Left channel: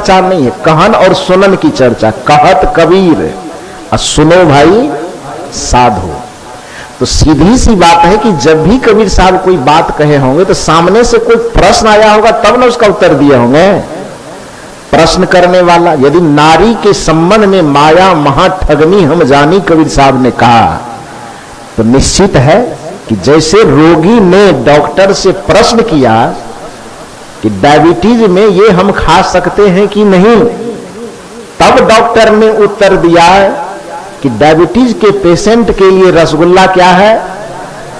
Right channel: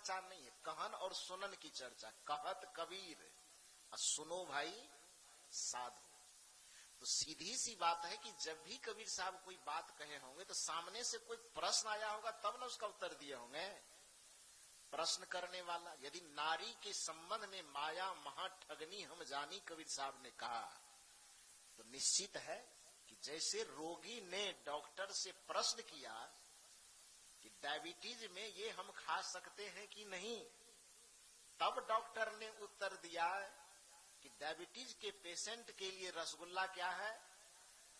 चर्चा नहीं है, कहन और सुनन की चर्चा। कहत कबीर और सुनो भाई साधु। तो सीधी सी बात है कि जब भी कबीर साहब कोई बात कहे होंगे तो सामने से कोई प्रश्न आया होगा तब ना उसका उत्तर दिए होंगे। प्रश्न करने वाला, यदि नारी के संबंध में माया महाठगनी हम जानी कबीर साहब ने कहा, तो निश्चित है कि जैसे रोगी ने डॉक्टर से प्रश्न किया कि डायबिटीज में ये हम खा सकते हैं कि नहीं, तब डॉक्टर ने उत्तर दिया कि डायबिटीज के पेशेंट के लिए रसगुल्ला क्या है?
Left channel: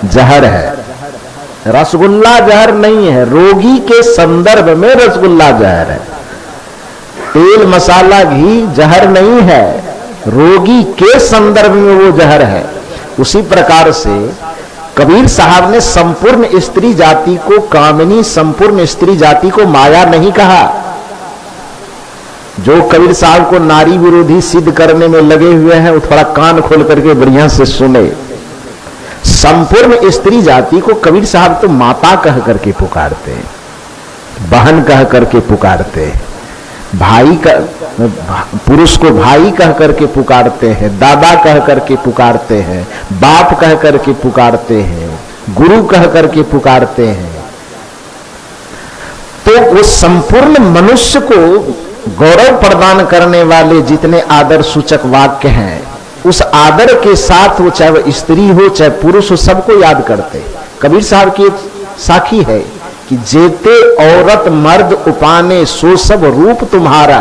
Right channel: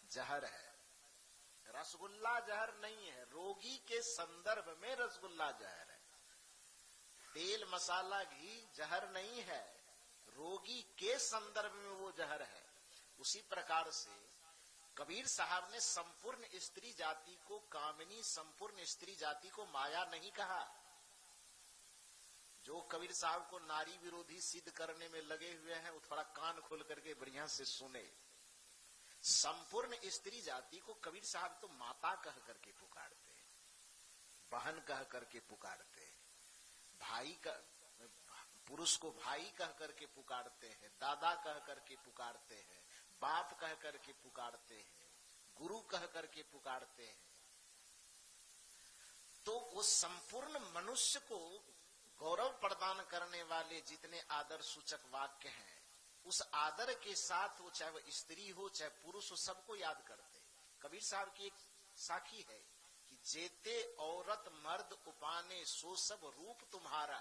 जहर है। रसगुल्ला जहर नहीं है, रोगी के संदर्भ में रसगुल्ला जहर है। तेल मसाला घी जहर नहीं है, रोगी के संदर्भ में वो जहर है। उसी प्रकार से कबीर साहब ने संपूर्ण स्त्री जाति को कामिनी, संपूर्ण स्त्री जाति को माया नहीं कहा। जो कबीर साहब को नारी विरोधी सिद्ध करने में लगे हुए हैं वो थोड़ा कान खोल करके बढ़िया से सुने। संपूर्ण स्त्री जाति को कबीर साहब तो माता कह करके पुकारते हैं, बहन कह करके पुकारते हैं, भाई का पुरुष को भाई कह करके पुकारते हैं, दादा कह करके पुकारते हैं, बाप कह करके पुकारते हैं, गुरु कह करके पुकारते हैं। तो वो संपूर्ण मनुष्य को गौरव प्रदान करने वाले जितने आदर सूचक वाक्य हैं, उस आदर के साथ वो चाहे वह स्त्री हो चाहे पुरुष हो सबको याद करते। कबीर साहब की एक साखी है कि जेते औरत मर्द उपाने सो सब रूप तुम्हारा,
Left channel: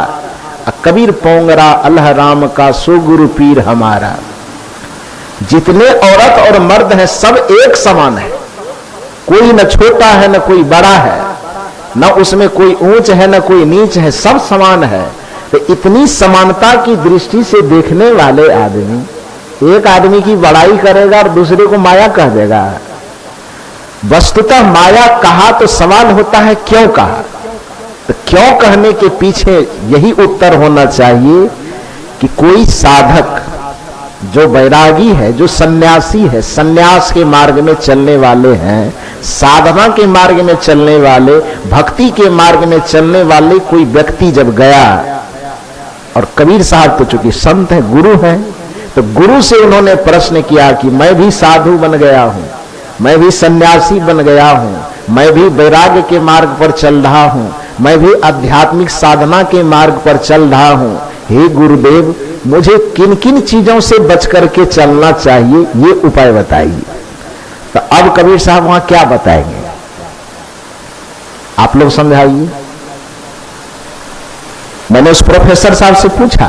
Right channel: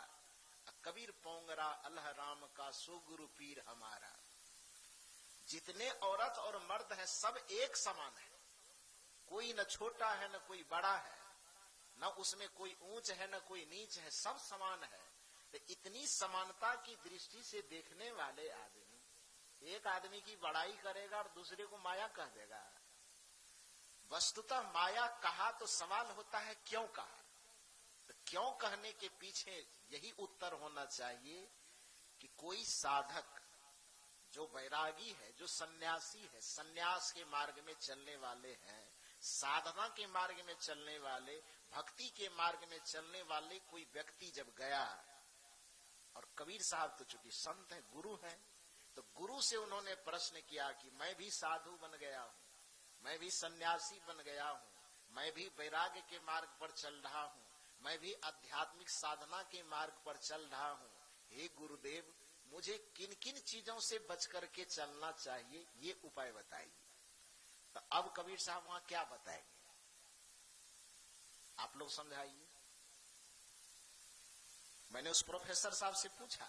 कबीर पोंगरा अल्लाह राम का सो गुरु पीर हमारा। जितने औरत और मर्द हैं सब एक समान है, कोई न छोटा है न कोई बड़ा है, न उसमें कोई ऊंच है न कोई नीच है, सब समान है। तो इतनी समानता की दृष्टि से देखने वाले आदमी, एक आदमी की बड़ाई करेगा और दूसरे को माया कह देगा। वस्तुतः माया कहा तो सवाल होता है क्यों कहा। तो क्यों कहने के पीछे यही उत्तर होना चाहिए कि कोई साधक जो वैरागी है, जो सन्यासी है, सन्यास के मार्ग में चलने वाले हैं, साधना के मार्ग में चलने वाले, भक्ति के मार्ग में चलने वाले कोई व्यक्ति जब गया, और कबीर साहब तो चूंकि संत है, गुरु हैं, तो गुरु से उन्होंने प्रश्न किया कि मैं भी साधु बन गया हूं, मैं भी सन्यासी बन गया हूं, मैं भी वैराग्य के मार्ग पर चल रहा हूं, मैं भी आध्यात्मिक साधना के मार्ग पर चल रहा हूं, हे गुरुदेव मुझे किन किन चीजों से बच करके चलना चाहिए, ये उपाय बताइए। तो अब कबीर साहब वहां क्या बताएंगे आप लोग समझाइए। मैंने उस प्रोफेसर साहब से पूछा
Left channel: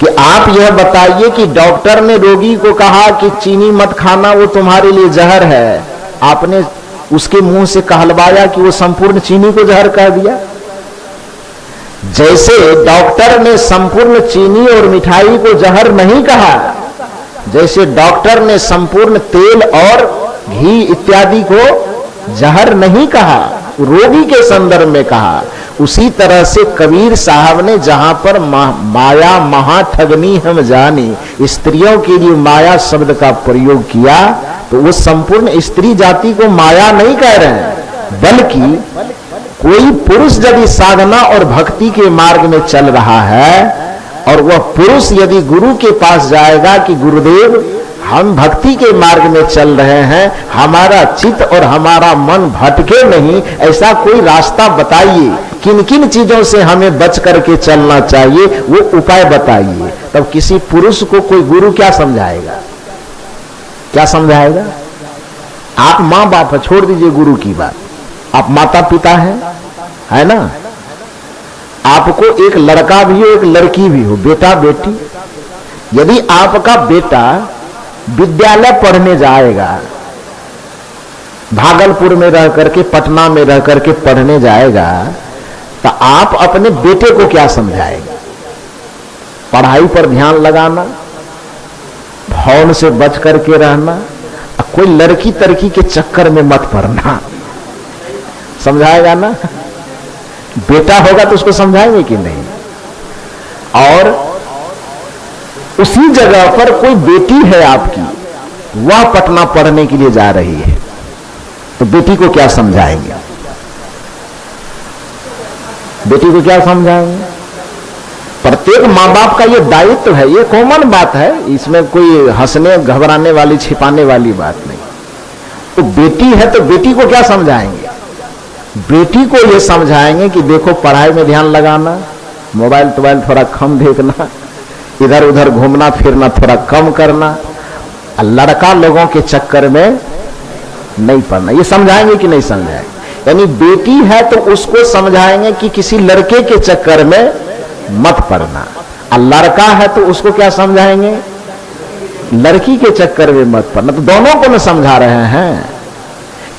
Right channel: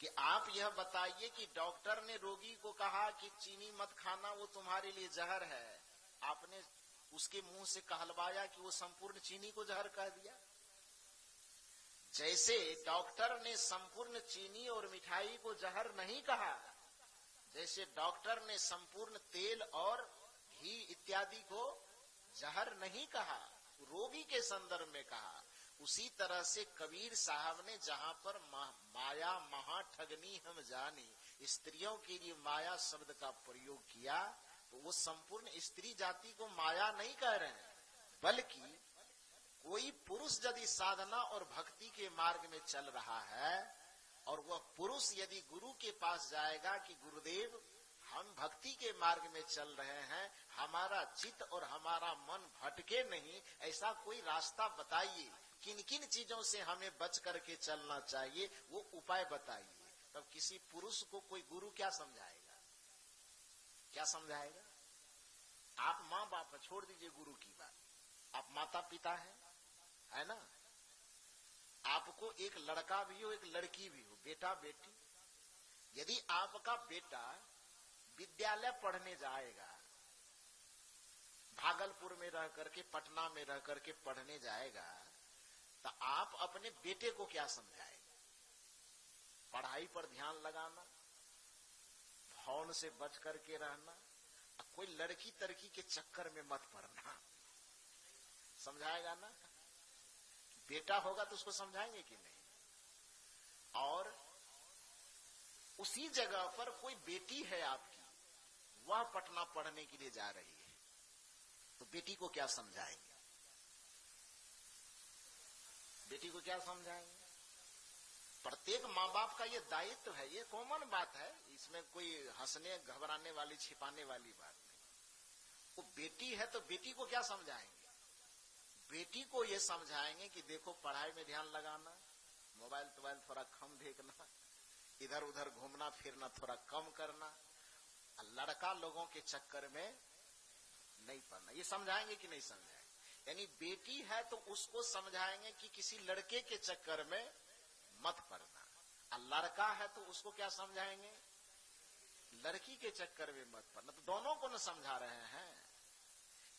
कि आप यह बताइए कि डॉक्टर ने रोगी को कहा कि चीनी मत खाना, वो तुम्हारे लिए जहर है, आपने उसके मुंह से कहलवाया कि वो संपूर्ण चीनी को जहर कह दिया। जैसे डॉक्टर ने संपूर्ण चीनी और मिठाई को जहर नहीं कहा, जैसे डॉक्टर ने संपूर्ण तेल और घी इत्यादि को जहर नहीं कहा, रोगी के संदर्भ में कहा, उसी तरह से कबीर साहब ने जहां पर माया महाठगनी हम जानी, स्त्रियों के लिए माया शब्द का प्रयोग किया, तो वो संपूर्ण स्त्री जाति को माया नहीं कह रहे हैं, बल्कि कोई पुरुष यदि साधना और भक्ति के मार्ग में चल रहा है और वह पुरुष यदि गुरु के पास जाएगा कि गुरुदेव हम भक्ति के मार्ग में चल रहे हैं, हमारा चित्त और हमारा मन भटके नहीं, ऐसा कोई रास्ता बताइए, किन किन चीजों से हमें बच करके चलना चाहिए, वो उपाय बताइए। तब किसी पुरुष को कोई गुरु क्या समझाएगा, क्या समझाएगा? आप माँ बाप है, छोड़ दीजिए गुरु की बात, आप माता पिता हैं, है ना। आपको एक लड़का भी हो एक लड़की भी हो, बेटा बेटी, यदि आपका बेटा विद्यालय पढ़ने जाएगा, भागलपुर में रह करके, पटना में रह करके पढ़ने जाएगा, तो आप अपने बेटे को क्या समझाएंगे? पढ़ाई पर ध्यान लगाना, फोन से बच करके रहना, कोई लड़की तरकी के चक्कर में मत पड़ना, समझाएगा ना? बेटा होगा तो उसको समझाएंगे कि नहीं? और उसी जगह पर कोई बेटी है आपकी, वह पटना पढ़ने के लिए जा रही है, तो बेटी को क्या समझाएंगे? बेटी को क्या समझाएंगे? प्रत्येक माँ बाप का ये दायित्व है, ये कॉमन बात है, इसमें कोई हंसने घबराने वाली छिपाने वाली बात नहीं। तो बेटी है तो बेटी को क्या समझाएंगे? बेटी को ये समझाएंगे कि देखो पढ़ाई में ध्यान लगाना, मोबाइल तोबाइल थोड़ा कम देखना, इधर उधर घूमना फिरना थोड़ा कम करना, लड़का लोगों के चक्कर में नहीं पड़ना। ये समझाएंगे कि नहीं समझाएंगे? यानी बेटी है तो उसको समझाएंगे कि किसी लड़के के चक्कर में मत पड़ना, और लड़का है तो उसको क्या समझाएंगे? लड़की के चक्कर में मत पड़ना। तो दोनों को न समझा रहे हैं,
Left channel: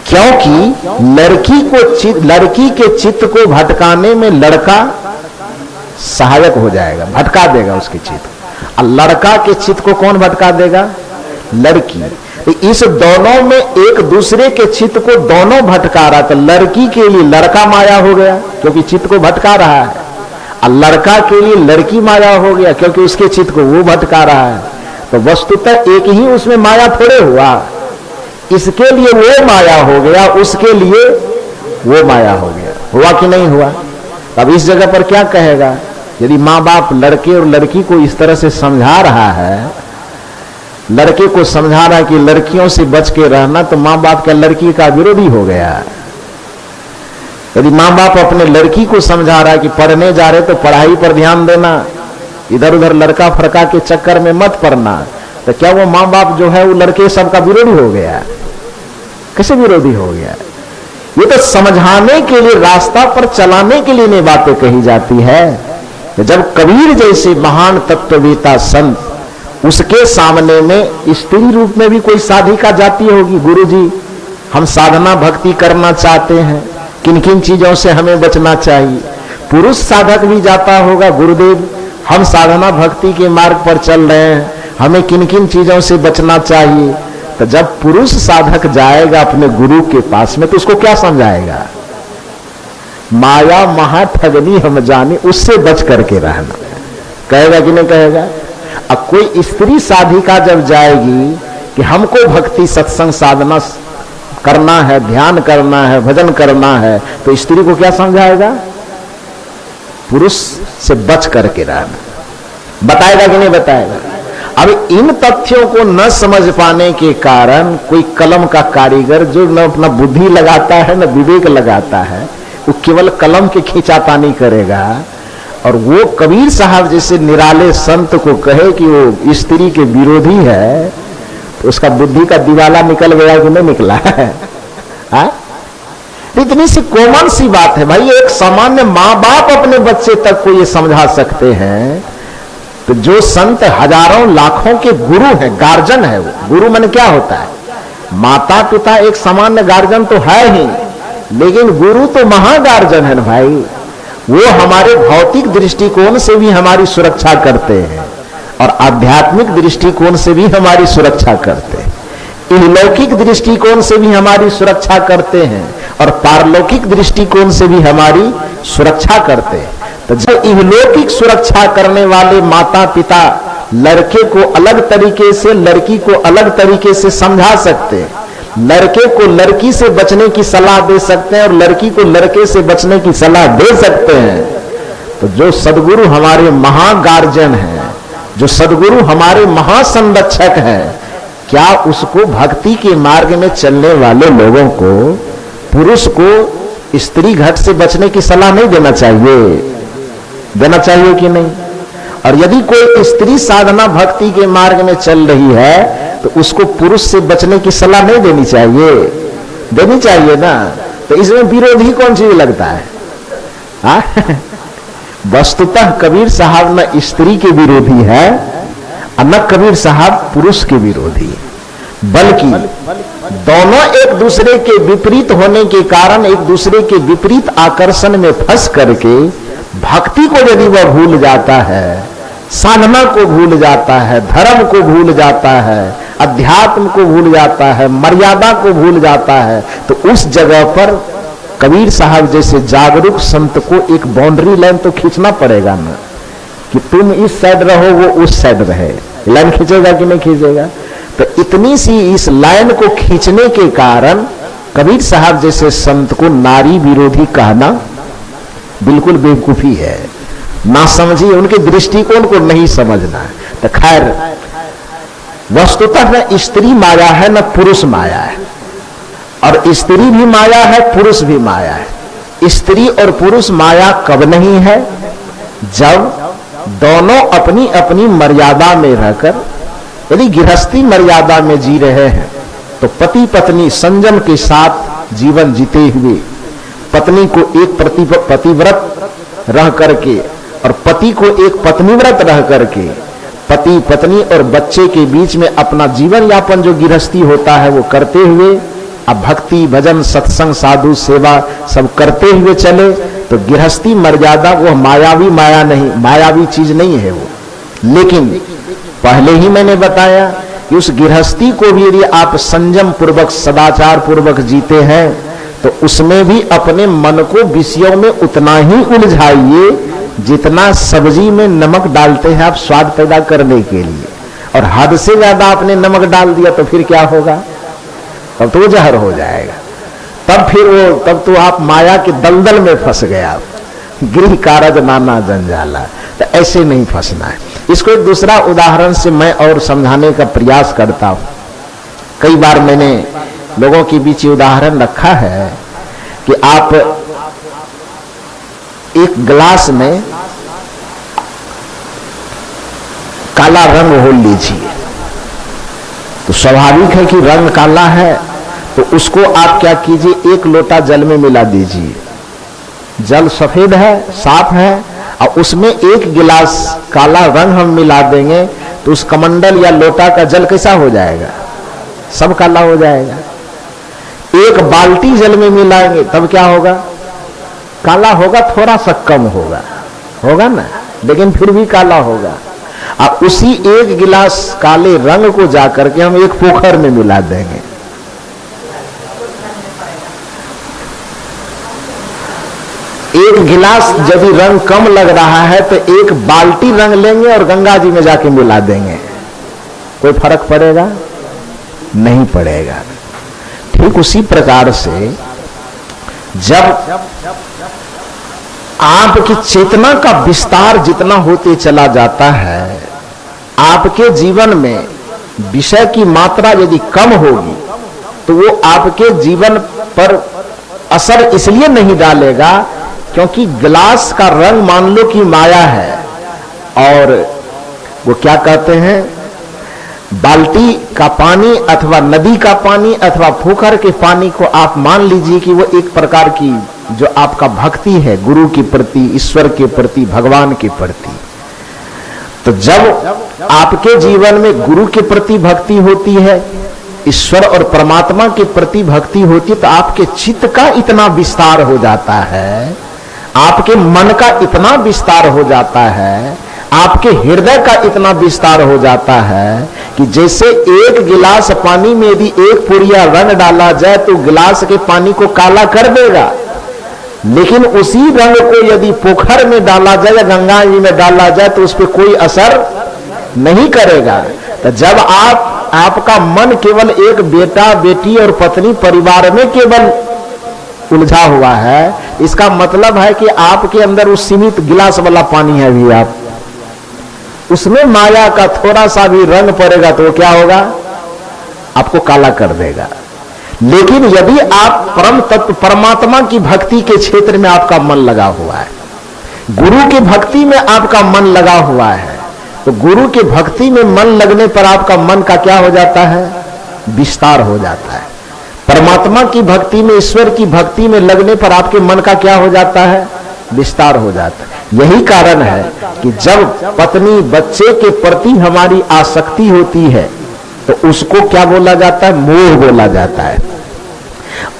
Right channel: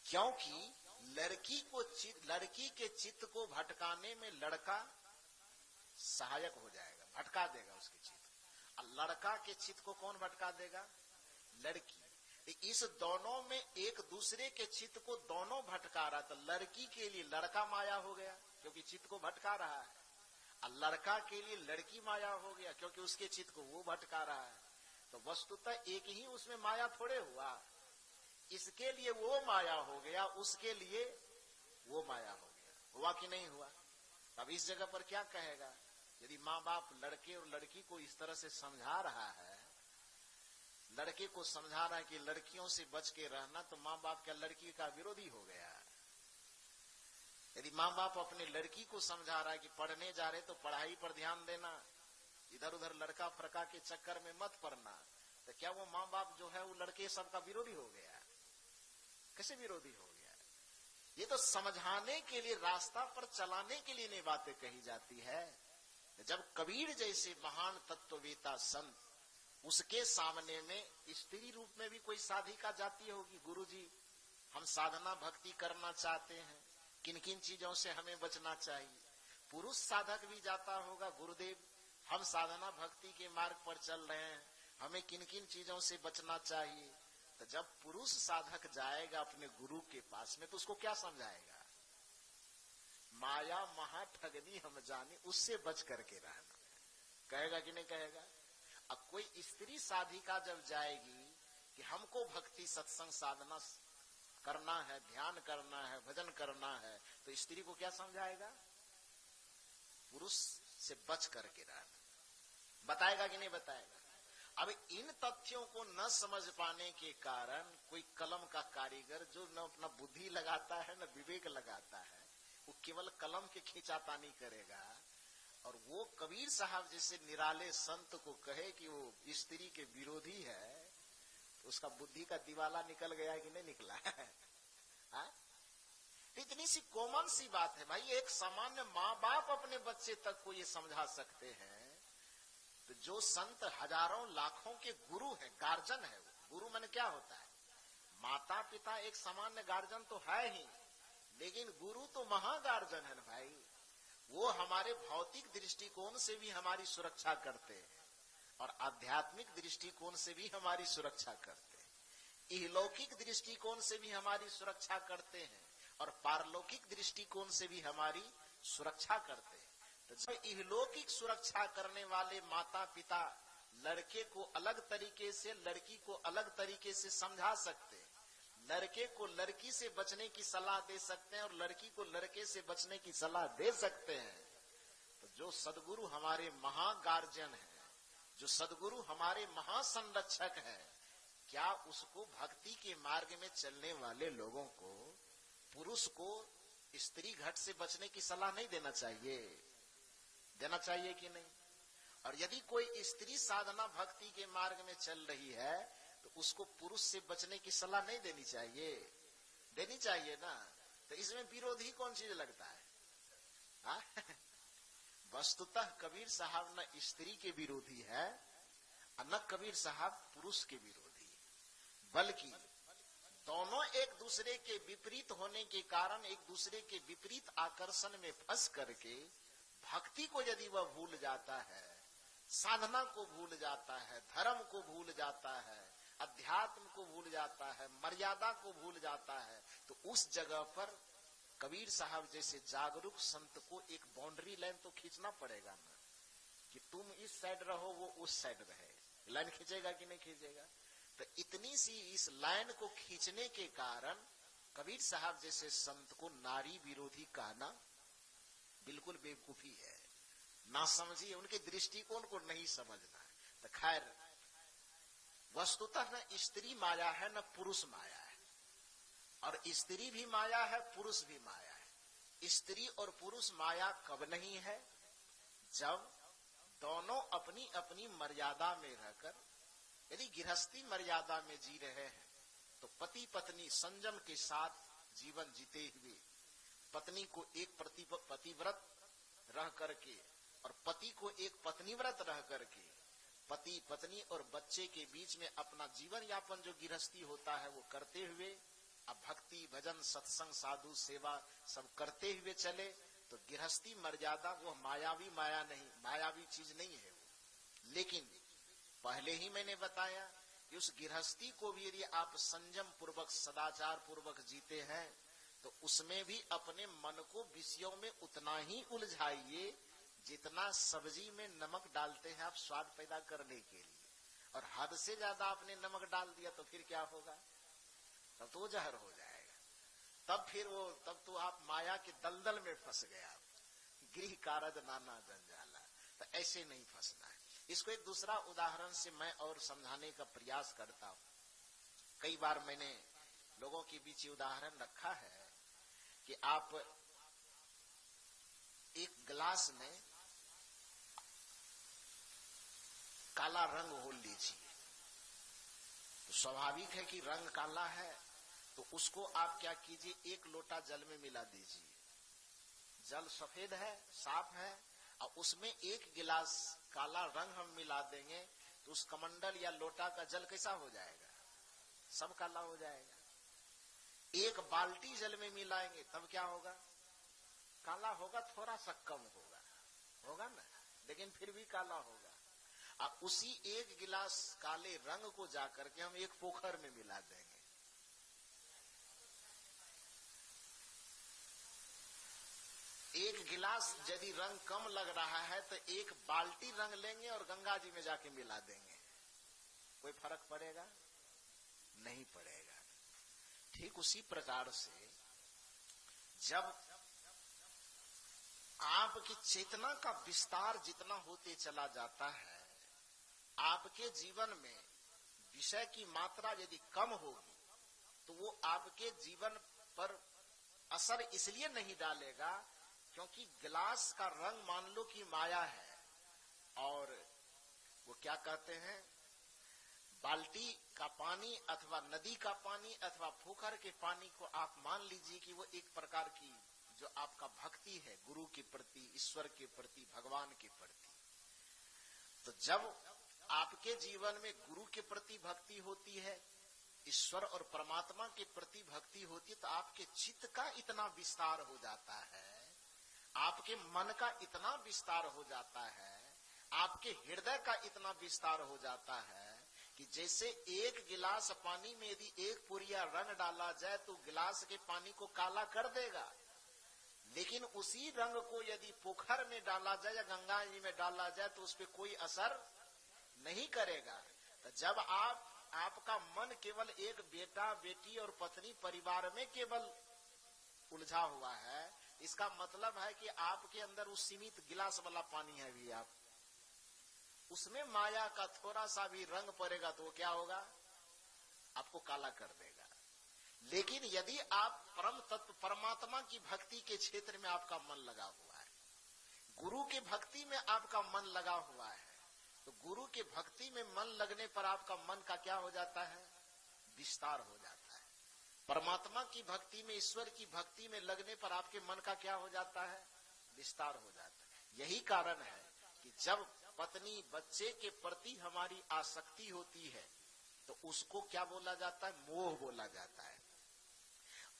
क्योंकि लड़की के चित्त को भटकाने में लड़का सहायक हो जाएगा, भटका देगा उसके चित्त, और लड़का के चित्त को कौन भटका देगा? लड़की। तो इस दोनों में एक दूसरे के चित्त को दोनों भटका रहा, तो लड़की के लिए लड़का माया हो गया क्योंकि चित्त को भटका रहा है, और लड़का के लिए लड़की माया हो गया क्योंकि उसके चित्त को वो भटका रहा है। तो वस्तुतः एक ही उसमें माया थोड़े हुआ, इसके लिए वो माया हो गया, उसके लिए वो माया हो गया। हुआ कि नहीं हुआ? अब इस जगह पर क्या कहेगा? यदि माँ बाप लड़के और लड़की को इस तरह से समझा रहा है, लड़के को समझा रहा है कि लड़कियों से बच के रहना, तो माँ बाप क्या लड़की का विरोधी हो गया? यदि माँ बाप अपने लड़की को समझा रहा है कि पढ़ने जा रहे तो पढ़ाई पर ध्यान देना, इधर उधर लड़का फड़का के चक्कर में मत पड़ना, तो क्या वो माँ बाप जो है वो लड़के सबका विरोधी हो गया? कैसे विरोधी हो गया? ये तो समझाने के लिए, रास्ता पर चलाने के लिए नहीं बातें कही जाती है। जब कबीर जैसे महान तत्ववेता संत, उसके सामने में स्त्री रूप में भी कोई साधिका जाती होगी, गुरुजी हम साधना भक्ति करना चाहते हैं, किन किन चीजों से हमें बचना चाहिए। पुरुष साधक भी जाता होगा, गुरुदेव हम साधना भक्ति के मार्ग पर चल रहे हैं, हमें किन किन चीजों से बचना चाहिए। तो जब पुरुष साधक जाएगा अपने गुरु के पास में, तो उसको क्या समझाएगा? माया महा ठगनी हम जाने, उससे बच करके रहना, कहेगा कि नहीं कहेगा? अब कोई स्त्री साधिका जब जाएगी कि हमको भक्ति सत्संग साधना करना है, ध्यान करना है, भजन करना है, तो स्त्री को क्या समझाएगा? पुरुष से बच करके रहना, बताएगा कि नहीं बताएगा? अब इन तथ्यों को न समझ पाने के कारण कोई कलम का कारीगर जो न अपना बुद्धि लगाता है न विवेक लगाता है, वो केवल कलम के खींचातानी करेगा। और वो कबीर साहब जैसे निराले संत को कहे कि वो स्त्री के विरोधी है, तो उसका बुद्धि का दिवाला निकल गया कि नहीं निकला है? इतनी सी कॉमन सी बात है भाई, एक सामान्य माँ बाप अपने बच्चे तक को ये समझा सकते हैं, तो जो संत हजारों लाखों के गुरु हैं, गार्जन है वो। गुरु माने क्या होता है? माता पिता एक सामान्य गार्जन तो है ही, लेकिन गुरु तो महागार्जन है ना भाई। वो हमारे भौतिक दृष्टिकोण से भी हमारी सुरक्षा करते हैं और आध्यात्मिक दृष्टिकोण से भी हमारी सुरक्षा करते हैं, इहलौकिक दृष्टिकोण से भी हमारी सुरक्षा करते हैं और पारलौकिक दृष्टिकोण से भी हमारी सुरक्षा करते हैं। तो जब इहलौकिक सुरक्षा करने वाले माता पिता लड़के को अलग तरीके से, लड़की को अलग तरीके से समझा सकते हैं, लड़के को लड़की से बचने की सलाह दे सकते हैं और लड़की को लड़के से बचने की सलाह दे सकते हैं, तो जो सदगुरु हमारे महागार्जन हैं, जो सदगुरु हमारे महासंरक्षक हैं, क्या उसको भक्ति के मार्ग में चलने वाले लोगों को, पुरुष को स्त्री घट से बचने की सलाह नहीं देना चाहिए? देना चाहिए कि नहीं? और यदि कोई स्त्री साधना भक्ति के मार्ग में चल रही है, तो उसको पुरुष से बचने की सलाह नहीं देनी चाहिए? देनी चाहिए ना। तो इसमें विरोधी कौन सी लगता है? वस्तुतः कबीर साहब न स्त्री के विरोधी है और न कबीर साहब पुरुष के विरोधी, बल्कि दोनों एक दूसरे के विपरीत होने के कारण एक दूसरे के विपरीत आकर्षण में फंस करके भक्ति को यदि वह भूल जाता है, साधना को भूल जाता है, धर्म को भूल जाता है, अध्यात्म को भूल जाता है, मर्यादा को भूल जाता है, तो उस जगह पर कबीर साहब जैसे जागरूक संत को एक बाउंड्री लाइन तो खींचना पड़ेगा ना, कि तुम इस साइड रहो वो उस साइड रहे। लाइन खींचेगा कि नहीं खींचेगा? तो इतनी सी इस लाइन को खींचने के कारण कबीर साहब जैसे संत को नारी विरोधी कहना बिल्कुल बेवकूफी है, ना समझिए, उनके दृष्टिकोण को नहीं समझना है। तो खैर, वस्तुतः न स्त्री माया है न पुरुष माया है, और स्त्री भी माया है पुरुष भी माया है। स्त्री और पुरुष माया कब नहीं है? जब दोनों अपनी अपनी मर्यादा में रहकर, यदि गृहस्थी मर्यादा में जी रहे हैं तो पति पत्नी संयम के साथ जीवन जीते हुए पत्नी को एक पतिव्रत रह करके और पति को एक पत्नीव्रत रह करके पति पत्नी और बच्चे के बीच में अपना जीवन यापन जो गृहस्थी होता है वो करते हुए, अब भक्ति भजन सत्संग साधु सेवा सब करते हुए चले तो गृहस्थी मर्यादा वो मायावी माया नहीं, मायावी चीज नहीं है वो। लेकिन पहले ही मैंने बताया कि उस गृहस्थी को भी यदि आप संयम पूर्वक सदाचार पूर्वक जीते हैं तो उसमें भी अपने मन को विषयों में उतना ही उलझाइए जितना सब्जी में नमक डालते हैं आप स्वाद पैदा करने के लिए, और हद से ज्यादा आपने नमक डाल दिया तो फिर क्या होगा? तब तो वो जहर हो जाएगा, तब तो आप माया के दलदल में फंस गया, गृह कारज नाना जंजाला। तो ऐसे नहीं फंसना है। इसको एक दूसरा उदाहरण से मैं और समझाने का प्रयास करता हूं। कई बार मैंने लोगों के बीच उदाहरण रखा है कि आप एक गिलास में काला रंग घोल लीजिए, तो स्वाभाविक है कि रंग काला है, तो उसको आप क्या कीजिए, एक लोटा जल में मिला दीजिए। जल सफेद है, साफ है, और उसमें एक गिलास काला रंग हम मिला देंगे तो उस कमंडल या लोटा का जल कैसा हो जाएगा? सब काला हो जाएगा। एक बाल्टी जल में मिलाएंगे तब क्या होगा? काला होगा, थोड़ा सा कम होगा ना, लेकिन फिर भी काला होगा। अब उसी एक गिलास काले रंग को जाकर के हम एक पोखर में मिला देंगे, एक गिलास यदि रंग कम लग रहा है तो एक बाल्टी रंग लेंगे और गंगा जी में जाके मिला देंगे, कोई फर्क पड़ेगा? नहीं पड़ेगा। ठीक उसी प्रकार से जब आपकी चेतना का विस्तार जितना होते चला जाता है, आपके जीवन में विषय की मात्रा यदि कम होगी तो वो आपके जीवन पर असर इसलिए नहीं डालेगा क्योंकि गिलास का रंग मान लो कि माया है, और वो क्या कहते हैं, बाल्टी का पानी अथवा नदी का पानी अथवा पोखर के पानी को आप मान लीजिए कि वो एक प्रकार की जो आपका भक्ति है गुरु के प्रति, ईश्वर के प्रति, भगवान के प्रति। तो जब आपके जीवन में गुरु के प्रति भक्ति होती है, ईश्वर और परमात्मा के प्रति भक्ति होती है, तो आपके चित्त का इतना विस्तार हो जाता है, आपके मन का इतना विस्तार हो जाता है, आपके हृदय का इतना विस्तार हो जाता है कि जैसे एक गिलास पानी में यदि एक पुड़िया रंग डाला जाए तो गिलास के पानी को काला कर देगा, लेकिन उसी रंग को यदि पोखर में डाला जाए या गंगा जी में डाला जाए तो उस पर कोई असर नहीं करेगा। तो जब आपका मन केवल एक बेटा बेटी और पत्नी परिवार में केवल उलझा हुआ है, इसका मतलब है कि आपके अंदर उस सीमित गिलास वाला पानी है भी, आप उसमें माया का थोड़ा सा भी रंग पड़ेगा तो क्या होगा? आपको काला कर देगा। लेकिन यदि आप परम तत्व परमात्मा की भक्ति के क्षेत्र में आपका मन लगा हुआ है, गुरु की भक्ति में आपका मन लगा हुआ है, तो गुरु की भक्ति में मन लगने पर आपका मन का क्या हो जाता है? विस्तार हो जाता है। परमात्मा की भक्ति में, ईश्वर की भक्ति में लगने पर आपके मन का क्या हो जाता है? विस्तार हो जाता है। यही कारण है कि जब पत्नी बच्चे के प्रति हमारी आसक्ति होती है तो उसको क्या बोला जाता है? मोह बोला जाता है।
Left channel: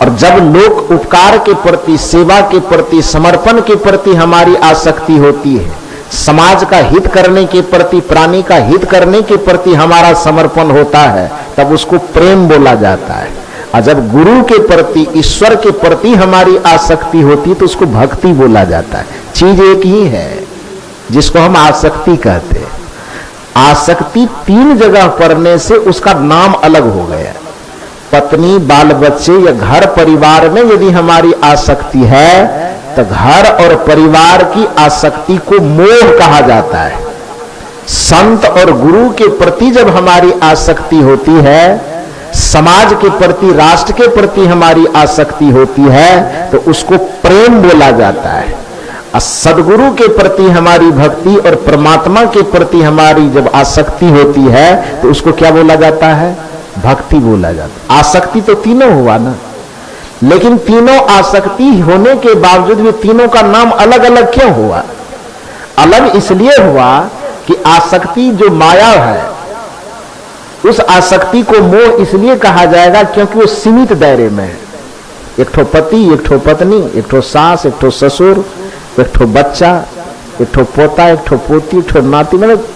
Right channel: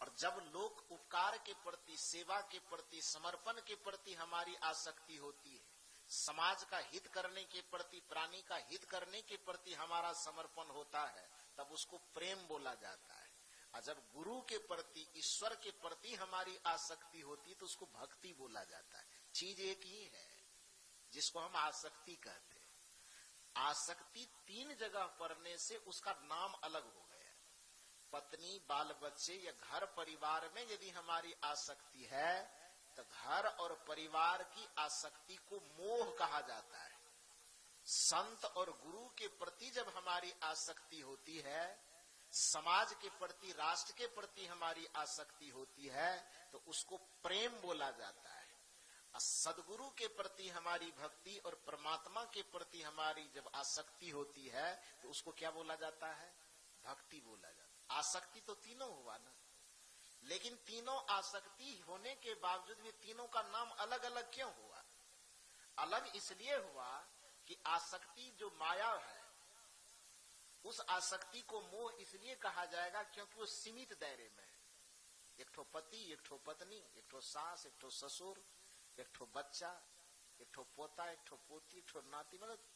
और जब लोक उपकार के प्रति, सेवा के प्रति, समर्पण के प्रति हमारी आसक्ति होती है, समाज का हित करने के प्रति, प्राणी का हित करने के प्रति हमारा समर्पण होता है, तब उसको प्रेम बोला जाता है। और जब गुरु के प्रति, ईश्वर के प्रति हमारी आसक्ति होती है तो उसको भक्ति बोला जाता है। चीज एक ही है जिसको हम आसक्ति कहते हैं। आसक्ति तीन जगह पड़ने से उसका नाम अलग हो गया। पत्नी, बाल बच्चे या घर परिवार में यदि हमारी आसक्ति है तो घर और परिवार की आसक्ति को मोह कहा जाता है। संत और गुरु के प्रति जब हमारी आसक्ति होती है, समाज के प्रति, राष्ट्र के प्रति हमारी आसक्ति होती है, तो उसको प्रेम बोला जाता है। और सदगुरु के प्रति हमारी भक्ति और परमात्मा के प्रति हमारी जब आसक्ति होती है, तो उसको क्या बोला जाता है? भक्ति बोला जाता है। आसक्ति तो तीनों हुआ ना, लेकिन तीनों आसक्ति होने के बावजूद भी तीनों का नाम अलग अलग क्यों हुआ? अलग इसलिए हुआ कि आसक्ति जो माया है, उस आसक्ति को मोह इसलिए कहा जाएगा क्योंकि वो सीमित दायरे में है। एक ठो पति, एक ठो पत्नी, एक ठो सास, एक ठो ससुर, एक ठो बच्चा, एक ठो पोता, एक ठो पोती, एक ठो नाती, मतलब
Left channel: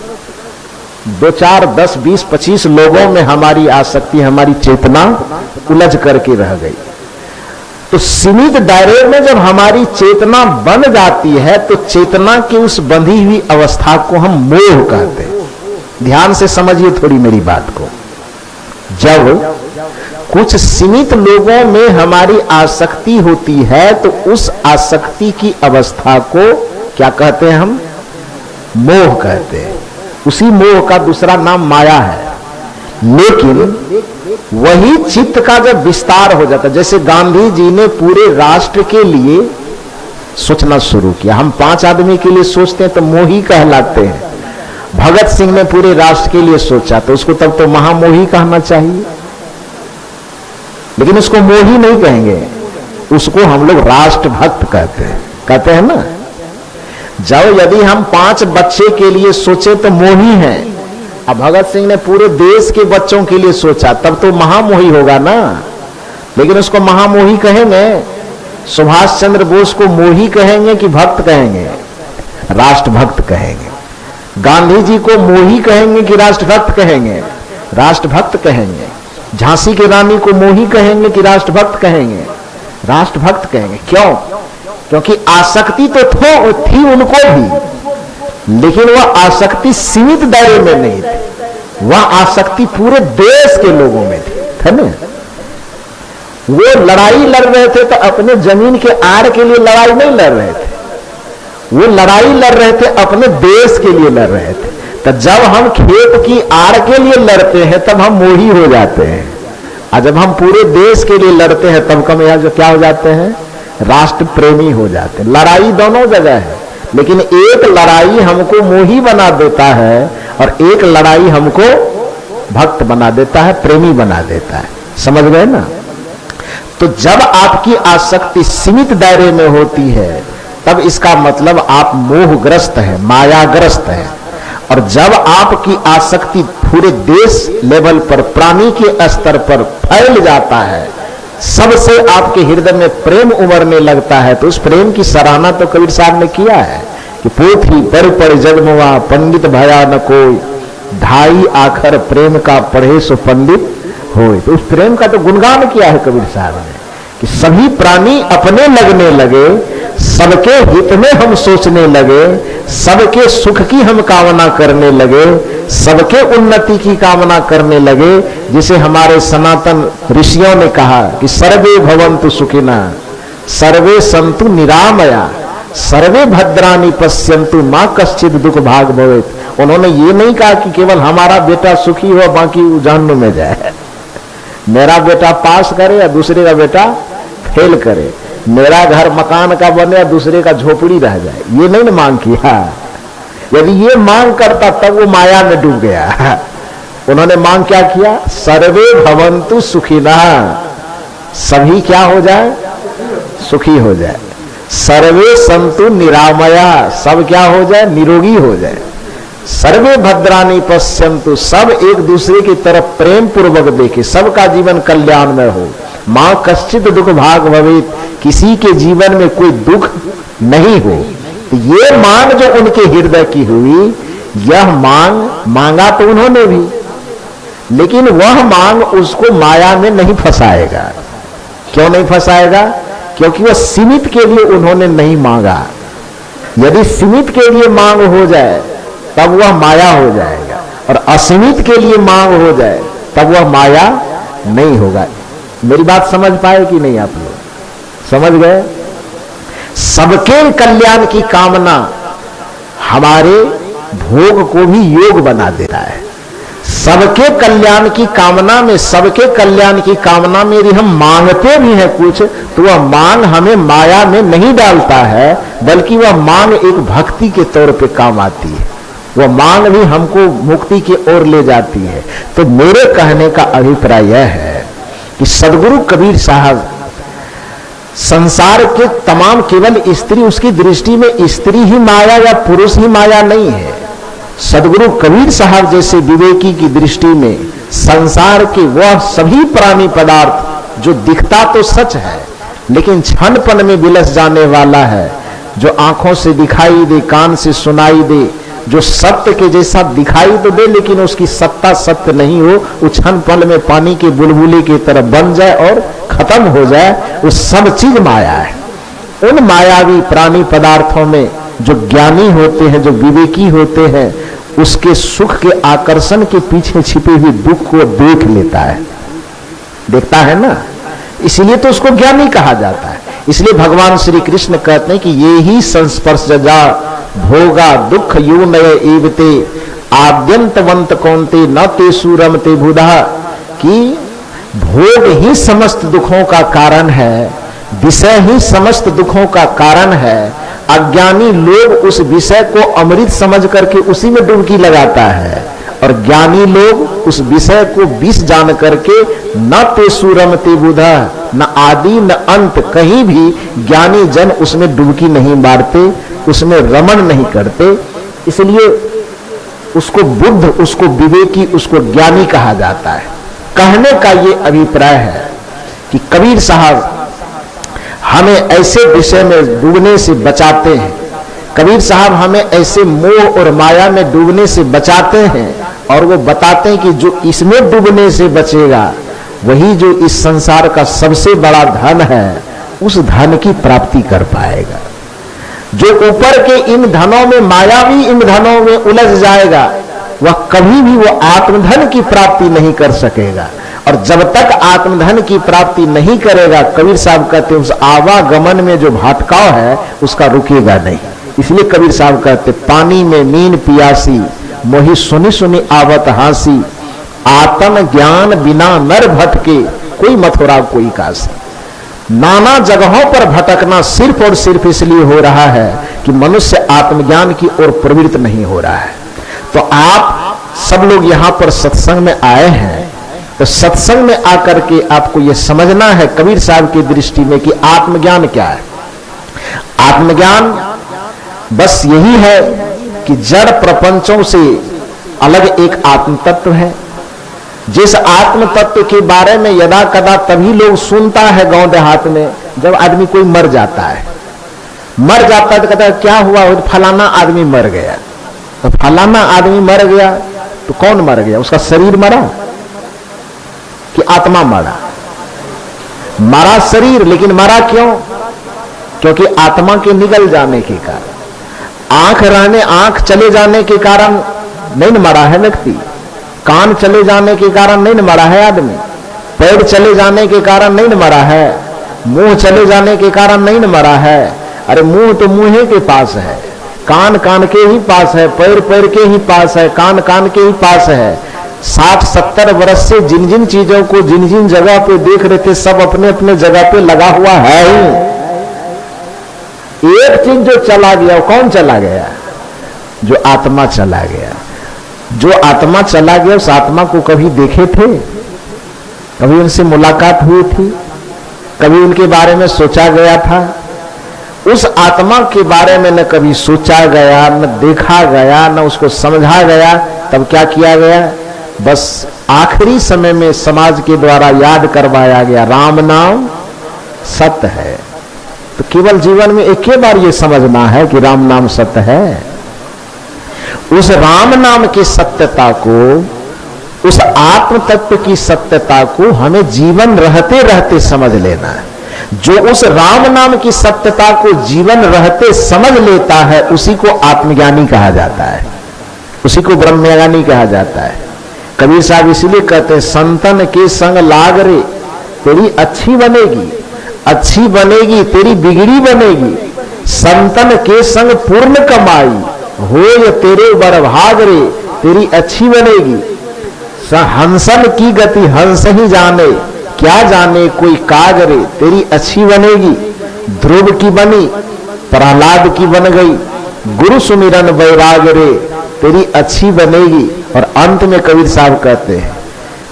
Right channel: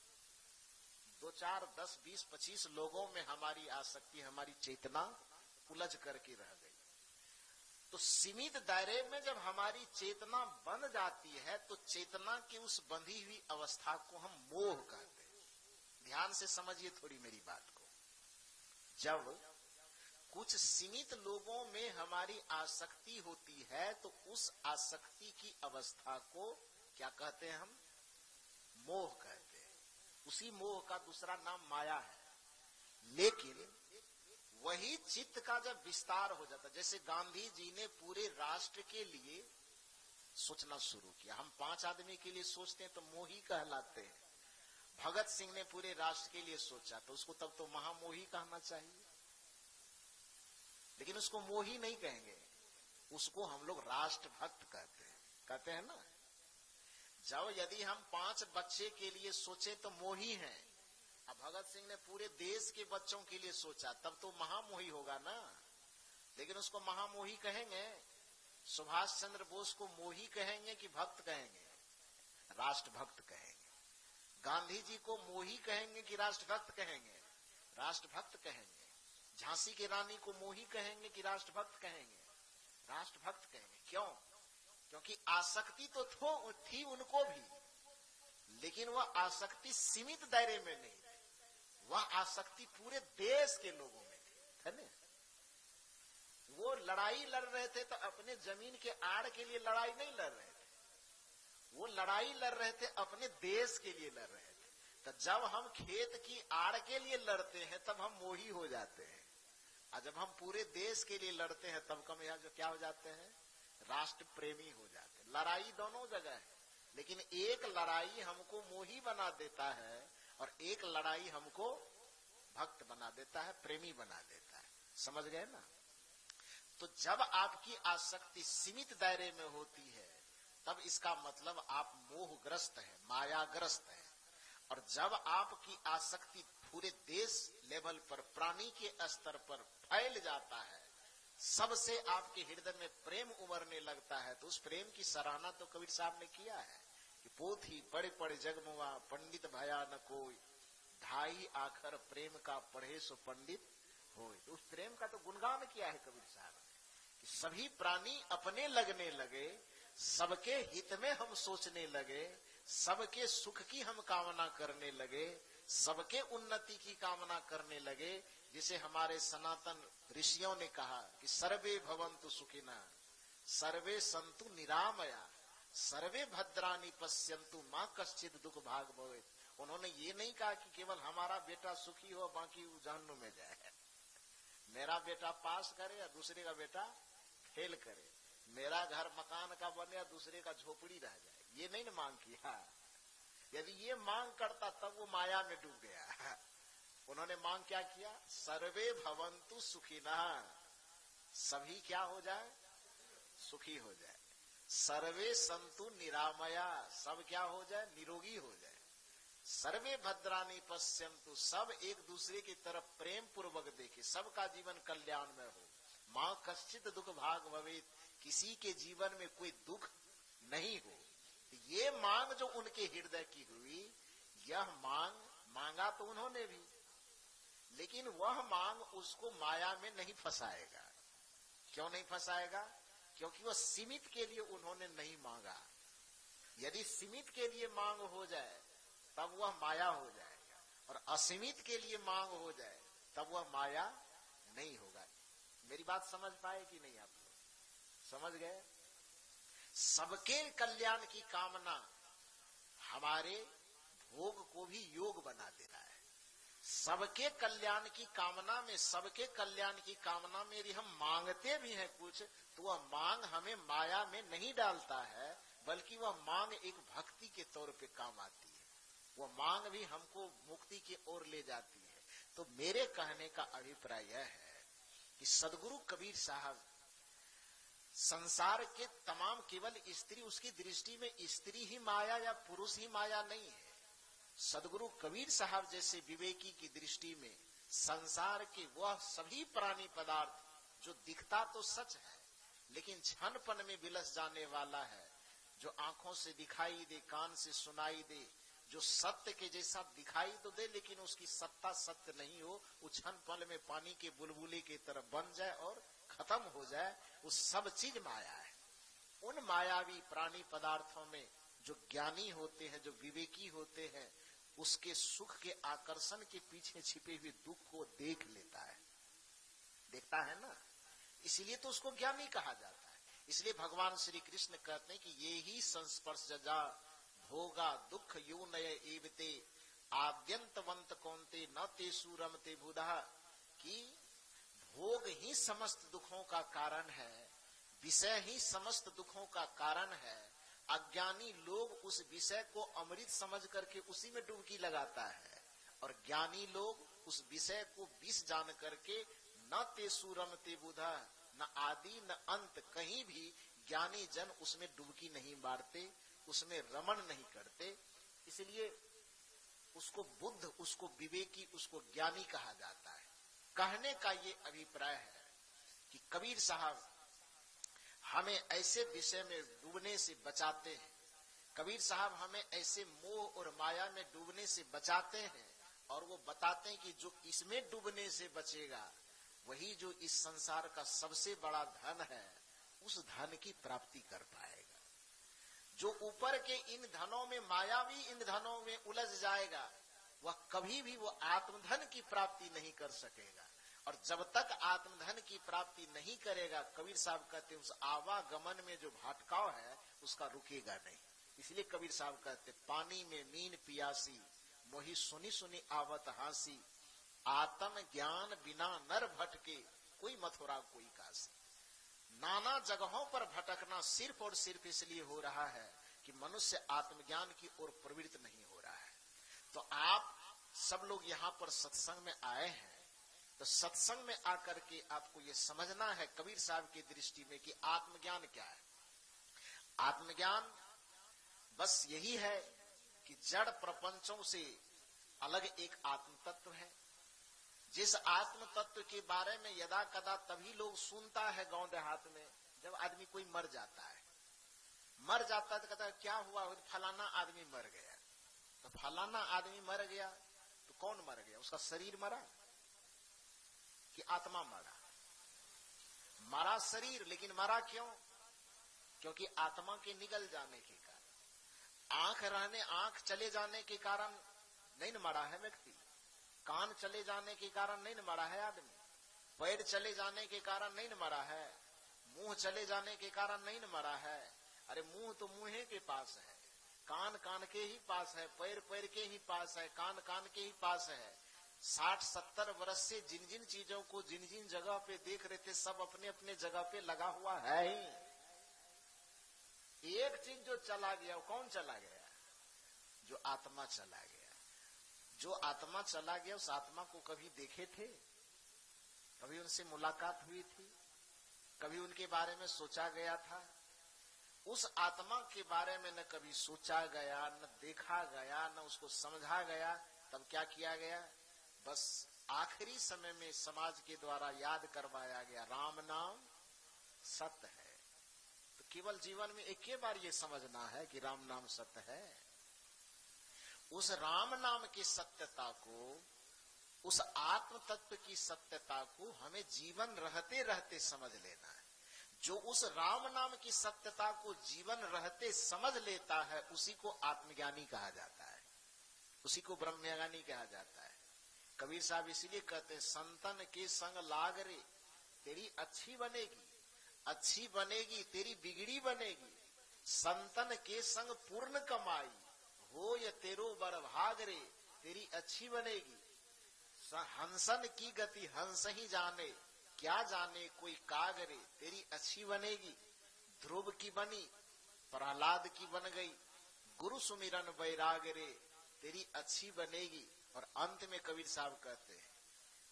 2, 4, 10, 20, 25 लोगों में हमारी आसक्ति, हमारी चेतना उलझ करके रह गई। तो सीमित दायरे में जब हमारी चेतना बन जाती है, तो चेतना की उस बंधी हुई अवस्था को हम मोह कहते हैं। ध्यान से समझिए थोड़ी मेरी बात को। जब कुछ सीमित लोगों में हमारी आसक्ति होती है, तो उस आसक्ति की अवस्था को क्या कहते हैं? हम मोह कहते हैं। उसी मोह का दूसरा नाम माया है। लेकिन वही चित्त का जब विस्तार हो जाता, जैसे गांधी जी ने पूरे राष्ट्र के लिए सोचना शुरू किया। हम 5 आदमी के लिए सोचते हैं तो मोही कहलाते हैं। भगत सिंह ने पूरे राष्ट्र के लिए सोचा, तो उसको तब तो महामोही कहना चाहिए, लेकिन उसको मोही नहीं कहेंगे, उसको हम लोग राष्ट्रभक्त कहते हैं ना। जब यदि हम 5 बच्चे के लिए सोचे तो मोही हैं, अब भगत सिंह ने पूरे देश के बच्चों के लिए सोचा, तब तो महामोही होगा ना, लेकिन उसको महामोही कहेंगे? सुभाष चंद्र बोस को मोही कहेंगे कि भक्त कहेंगे? राष्ट्रभक्त कहेंगे। गांधी जी को मोही कहेंगे कि राष्ट्रभक्त कहेंगे? राष्ट्रभक्त कहेंगे। झांसी की रानी को मोही कहेंगे कि राष्ट्रभक्त कहेंगे? राष्ट्रभक्त कहेंगे। क्यों? क्योंकि आसक्ति तो थी उनको भी, लेकिन वह आसक्ति सीमित दायरे में नहीं थी, वह आसक्ति पूरे देश के लोगों में थी, है ना। वो लड़ाई लड़ रहे थे तो अपने जमीन के आड़ के लिए लड़ाई नहीं लड़ रहे थे, वो लड़ाई लड़ रहे थे अपने देश के लिए लड़ रहे थे। तो जब हम खेत की आड़ के लिए लड़ते हैं तब हम मोही हो जाते हैं, और जब हम पूरे देश के लिए लड़ते हैं तब हम यहाँ जो क्या हो जाते हैं? राष्ट्र प्रेमी हो जाते हैं। लड़ाई दोनों जगह है, लेकिन एक लड़ाई हमको मोही बना देता है और एक लड़ाई हमको भक्त बना देता है, प्रेमी बना देता है। समझ गए ना? तो जब आपकी आसक्ति सीमित दायरे में होती है, तब इसका मतलब आप मोहग्रस्त हैं, मायाग्रस्त हैं। और जब आपकी आसक्ति पूरे देश लेवल पर, प्राणी के स्तर पर फैल जाता है, सबसे आपके हृदय में प्रेम उमड़ने लगता है, तो उस प्रेम की सराहना तो कबीर साहब ने किया है कि पोथी पर जगमुआ पंडित भया न कोई, ढाई आखर प्रेम का पढ़े सो पंडित होए। तो उस प्रेम का तो गुणगान किया है कबीर साहब ने कि सभी प्राणी अपने लगने लगे, सबके हित में हम सोचने लगे, सबके सुख की हम कामना करने लगे, सबके उन्नति की कामना करने लगे। जिसे हमारे सनातन ऋषियों ने कहा कि सर्वे भवन्तु सुखिनः, सर्वे सन्तु निरामया, सर्वे भद्राणि पश्यन्तु मां कश्चित् दुख भाग भवेत्। उन्होंने ये नहीं कहा कि केवल हमारा बेटा सुखी हो बाकी जहन्नुम में जाए, मेरा बेटा पास करे या दूसरे का बेटा फेल करे, मेरा घर मकान का बने या दूसरे का झोपड़ी रह जाए, ये नहीं मांग किया। यदि ये मांग करता तब वो माया में डूब गया। उन्होंने मांग क्या किया? सर्वे भवन्तु सुखिनः, सभी क्या हो जाए? सुखी हो जाए। सर्वे सन्तु निरामया, सब क्या हो जाए? निरोगी हो जाए। सर्वे भद्राणि पश्यन्तु, सब एक दूसरे की तरफ प्रेम पूर्वक देखे, सबका जीवन कल्याण में हो। मां कश्चित् दुख भाग भवेत्, किसी के जीवन में कोई दुख नहीं हो। तो ये मांग जो उनके हृदय की हुई, यह मांग मांगा तो उन्होंने भी, लेकिन वह मांग उसको माया में नहीं फंसाएगा। क्यों नहीं फंसाएगा? क्योंकि वह सीमित के लिए उन्होंने नहीं मांगा। यदि सीमित के लिए मांग हो जाए तब वह माया हो जाएगा, और असीमित के लिए मांग हो जाए तब वह माया नहीं होगा। मेरी बात समझ पाए कि नहीं? आप लोग समझ गए? सबके कल्याण की कामना हमारे भोग को भी योग बना देता है। सबके कल्याण की कामना में, सबके कल्याण की कामना में यदि हम मांगते भी हैं कुछ, तो वह मांग हमें माया में नहीं डालता है, बल्कि वह मांग एक भक्ति के तौर पे काम आती है। वह मांग भी हमको मुक्ति की ओर ले जाती है। तो मेरे कहने का अभिप्राय यह है कि सदगुरु कबीर साहब संसार के तमाम, केवल स्त्री, उसकी दृष्टि में स्त्री ही माया या पुरुष ही माया नहीं है। सदगुरु कबीर साहब जैसे विवेकी की दृष्टि में संसार के वह सभी प्राणी पदार्थ जो दिखता तो सच है लेकिन क्षणपन में विलस जाने वाला है, जो आंखों से दिखाई दे, कान से सुनाई दे, जो सत्य के जैसा दिखाई तो दे लेकिन उसकी सत्ता सत्य नहीं हो, वो क्षणपल में पानी के बुलबुले की तरह बन जाए और खत्म हो जाए, वो सब चीज माया है। उन मायावी प्राणी पदार्थों में जो ज्ञानी होते हैं, जो विवेकी होते हैं, उसके सुख के आकर्षण के पीछे छिपे हुए दुख को देख लेता है, देखता है ना, इसलिए तो उसको ज्ञानी कहा जाता है। इसलिए भगवान श्री कृष्ण कहते हैं कि ये ही संस्पर्श जा भोगा दुख यू नय एवते आद्यंतवंत कौनते न ते सूरम ते बुधा, कि भोग ही समस्त दुखों का कारण है, विषय ही समस्त दुखों का कारण है। अज्ञानी लोग उस विषय को अमृत समझ करके उसी में डुबकी लगाता है, और ज्ञानी लोग उस विषय को विष जान करके न ते सूरम ते बुधा, न आदि न अंत, कहीं भी ज्ञानी जन उसमें डुबकी नहीं मारते, उसमें रमण नहीं करते। इसलिए उसको बुद्ध, उसको विवेकी, उसको ज्ञानी कहा जाता है। कहने का ये अभिप्राय है कि कबीर साहब हमें ऐसे विषय में डूबने से बचाते हैं, कबीर साहब हमें ऐसे मोह और माया में डूबने से बचाते हैं, और वो बताते हैं कि जो इसमें डूबने से बचेगा वही जो इस संसार का सबसे बड़ा धन है, उस धन की प्राप्ति कर पाएगा। जो ऊपर के इन धनों में, मायावी इन धनों में उलझ जाएगा, वह कभी भी वो आत्मधन की प्राप्ति नहीं कर सकेगा। और जब तक आत्मधन की प्राप्ति नहीं करेगा, कबीर साहब कहते हैं, उस आवागमन में जो भटकाव है उसका रुकेगा नहीं। इसलिए कबीर साहब कहते, पानी में मीन पियासी मोहि सुनी सुनी आवत हासी, आत्म ज्ञान बिना नर भटके कोई मथुरा कोई काशी। नाना जगहों पर भटकना सिर्फ और सिर्फ इसलिए हो रहा है कि मनुष्य आत्मज्ञान की ओर प्रवृत्त नहीं हो रहा है। तो आप सब लोग यहां पर सत्संग में आए हैं, तो सत्संग में आकर के आपको यह समझना है कबीर साहब की दृष्टि में कि आत्मज्ञान क्या है। आत्मज्ञान बस यही है कि जड़ प्रपंचों से अलग एक आत्म तत्व है। जिस आत्म तत्व के बारे में यदा कदा तभी लोग सुनता है गांव देहात में, जब आदमी कोई मर जाता है, मर जाता है तो कहता है क्या हुआ, फलाना आदमी मर गया। तो फलाना आदमी मर गया तो कौन मर गया, उसका शरीर मरा कि आत्मा मरा? मरा शरीर, लेकिन मरा क्यों? क्योंकि आत्मा के निगल जाने के कारण, आंख चले जाने के कारण नहीं न मरा है व्यक्ति, कान चले जाने के कारण नहीं न मरा है आदमी, पैर चले जाने के कारण नहीं न मरा है, मुंह चले जाने के कारण नहीं न मरा है। अरे मुंह तो मुंह के पास है, कान कान के ही पास है, पैर पैर के ही पास है, कान कान के ही पास है। 60-70 वर्ष से जिन जिन चीजों को जिन जिन जगह पे देख रहे थे, सब अपने अपने जगह पे लगा हुआ है ही। एक चीज जो चला गया, वो कौन चला गया? जो आत्मा चला गया। जो आत्मा चला गया, उस आत्मा को कभी देखे थे? कभी उनसे मुलाकात हुई थी? कभी उनके बारे में सोचा गया था? उस आत्मा के बारे में न कभी सोचा गया, न देखा गया, न उसको समझा गया। तब क्या किया गया? बस आखिरी समय में समाज के द्वारा याद करवाया गया, राम नाम सत्य है। तो केवल जीवन में एक ही बार ये समझना है कि राम नाम सत्य है। उस राम नाम की सत्यता को, उस आत्म तत्व की सत्यता को हमें जीवन रहते रहते समझ लेना है। जो उस राम नाम की सत्यता को जीवन रहते समझ लेता है, उसी को आत्मज्ञानी कहा जाता है, उसी को ब्रह्मज्ञानी कहा जाता है। कबीर साहब इसीलिए कहते हैं, संतन के संग लाग रे तेरी अच्छी बनेगी, अच्छी बनेगी तेरी बिगड़ी बनेगी। संतन के संग पूर्ण कमाई, हो ये तेरे बड़ भाग रे, तेरी अच्छी बनेगी। हंसन की गति हंस ही जाने, क्या जाने कोई काज रे, तेरी अच्छी बनेगी। ध्रुव की बनी प्रहलाद की बन गई, गुरु सुमिरन वैराग रे, तेरी अच्छी बनेगी। और अंत में कबीर साहब कहते हैं,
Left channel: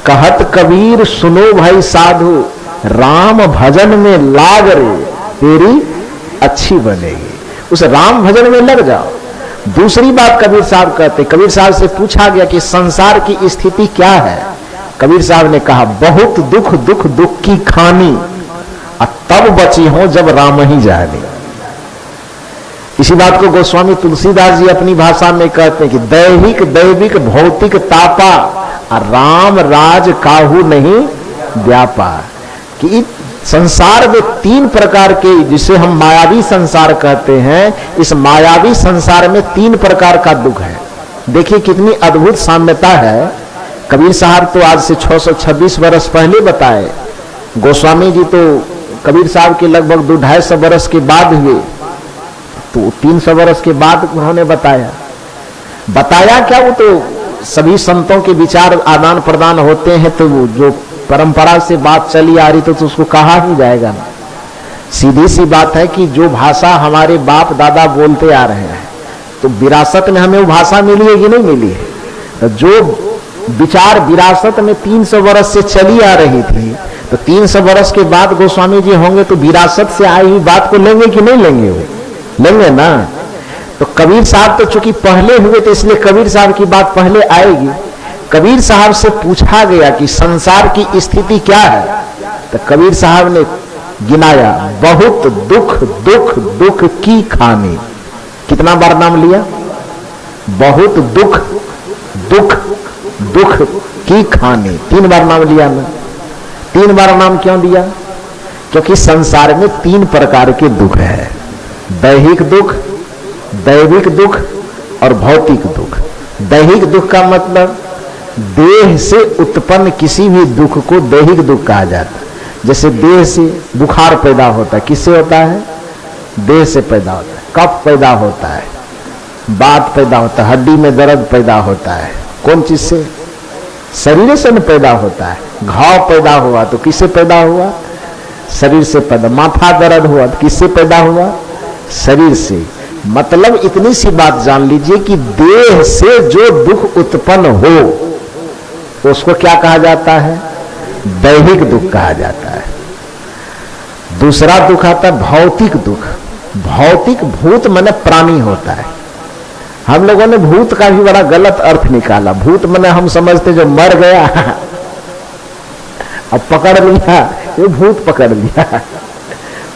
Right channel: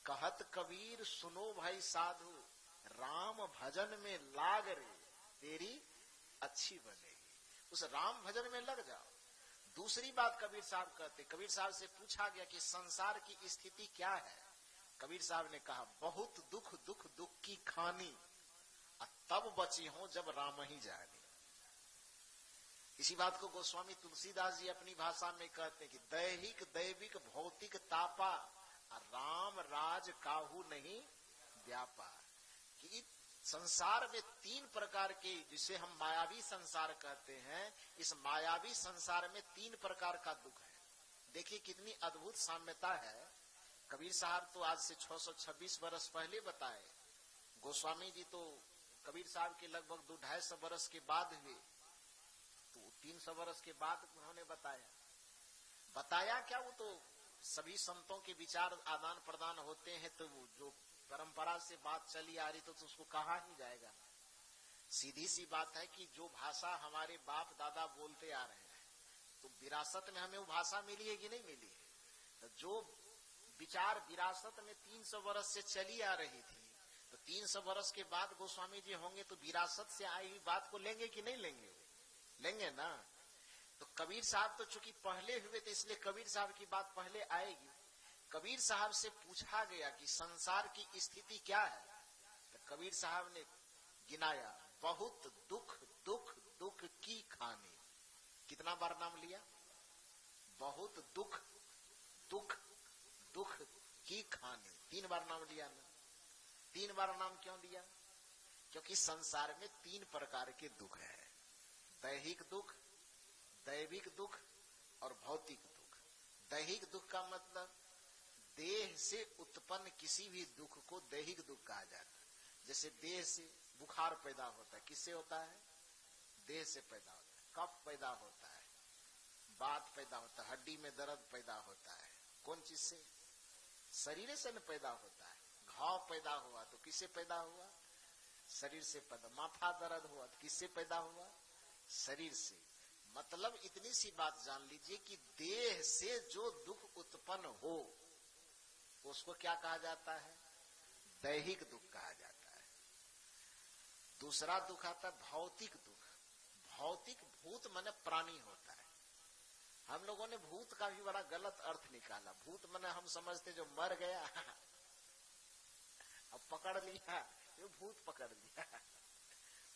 कहत कबीर सुनो भाई साधु, राम भजन में लाग रे, तेरी अच्छी बनेगी। उस राम भजन में लग जाओ। दूसरी बात कबीर साहब कहते, कबीर साहब से पूछा गया कि संसार की स्थिति क्या है। कबीर साहब ने कहा, बहुत दुख दुख दुख की खानी, तब बची हो जब राम ही जाने। इसी बात को गोस्वामी तुलसीदास जी अपनी भाषा में कहते हैं कि दैहिक दैविक भौतिक तापा, राम राज काहू नहीं व्यापा। कि संसार में तीन प्रकार के, जिसे हम मायावी संसार कहते हैं, इस मायावी संसार में तीन प्रकार का दुख है। देखिए कितनी अद्भुत साम्यता है। कबीर साहब तो आज से 626 वर्ष पहले बताए, गोस्वामी जी तो कबीर साहब के लगभग 250 वर्ष के बाद हुए, तो 300 वर्ष के बाद उन्होंने बताया क्या, वो तो सभी संतों के विचार आदान प्रदान होते हैं, तो जो परंपरा से बात चली आ रही तो उसको कहा ही जाएगा ना। सीधी सी बात है कि जो भाषा हमारे बाप दादा बोलते आ रहे हैं, तो विरासत में हमें वो भाषा मिली है कि नहीं मिली है। तो जो विचार विरासत में 300 वर्ष से चली आ रही थी, तो 300 वर्ष के बाद गोस्वामी जी होंगे तो विरासत से आई हुई बात को लेंगे कि नहीं लेंगे? वो लेंगे ना। तो कबीर साहब तो चूंकि पहले हुए, तो इसलिए कबीर साहब की बात पहले आएगी। कबीर साहब से पूछा गया कि संसार की स्थिति क्या है, तो कबीर साहब ने गिनाया, बहुत दुख दुख दुख की खानी। कितना बार नाम लिया? बहुत दुख दुख दुख की खानी, 3 बार नाम लिया ना। 3 बार नाम क्यों दिया? क्योंकि संसार में 3 प्रकार के दुख है, दैहिक दुख, दैविक दुख और भौतिक दुख। दैहिक दुख का मतलब देह से उत्पन्न किसी भी दुख को दैहिक दुख कहा जाता है। जैसे देह से बुखार पैदा होता है, किससे होता है? देह से पैदा होता है। कफ पैदा होता है, बात पैदा होता है, हड्डी में दर्द पैदा होता है, कौन चीज से? शरीर से न पैदा होता है। घाव पैदा हुआ तो किससे पैदा हुआ? शरीर से पैदा। माथा दर्द हुआ तो किससे पैदा हुआ? शरीर से। मतलब इतनी सी बात जान लीजिए कि देह से जो दुख उत्पन्न हो उसको क्या कहा जाता है? दैहिक दुख कहा जाता है। दूसरा दुख आता है भौतिक दुख। भौतिक, भूत माने प्राणी होता है। हम लोगों ने भूत का भी बड़ा गलत अर्थ निकाला। भूत माने हम समझते जो मर गया अब पकड़ लिया, ये भूत पकड़ लिया,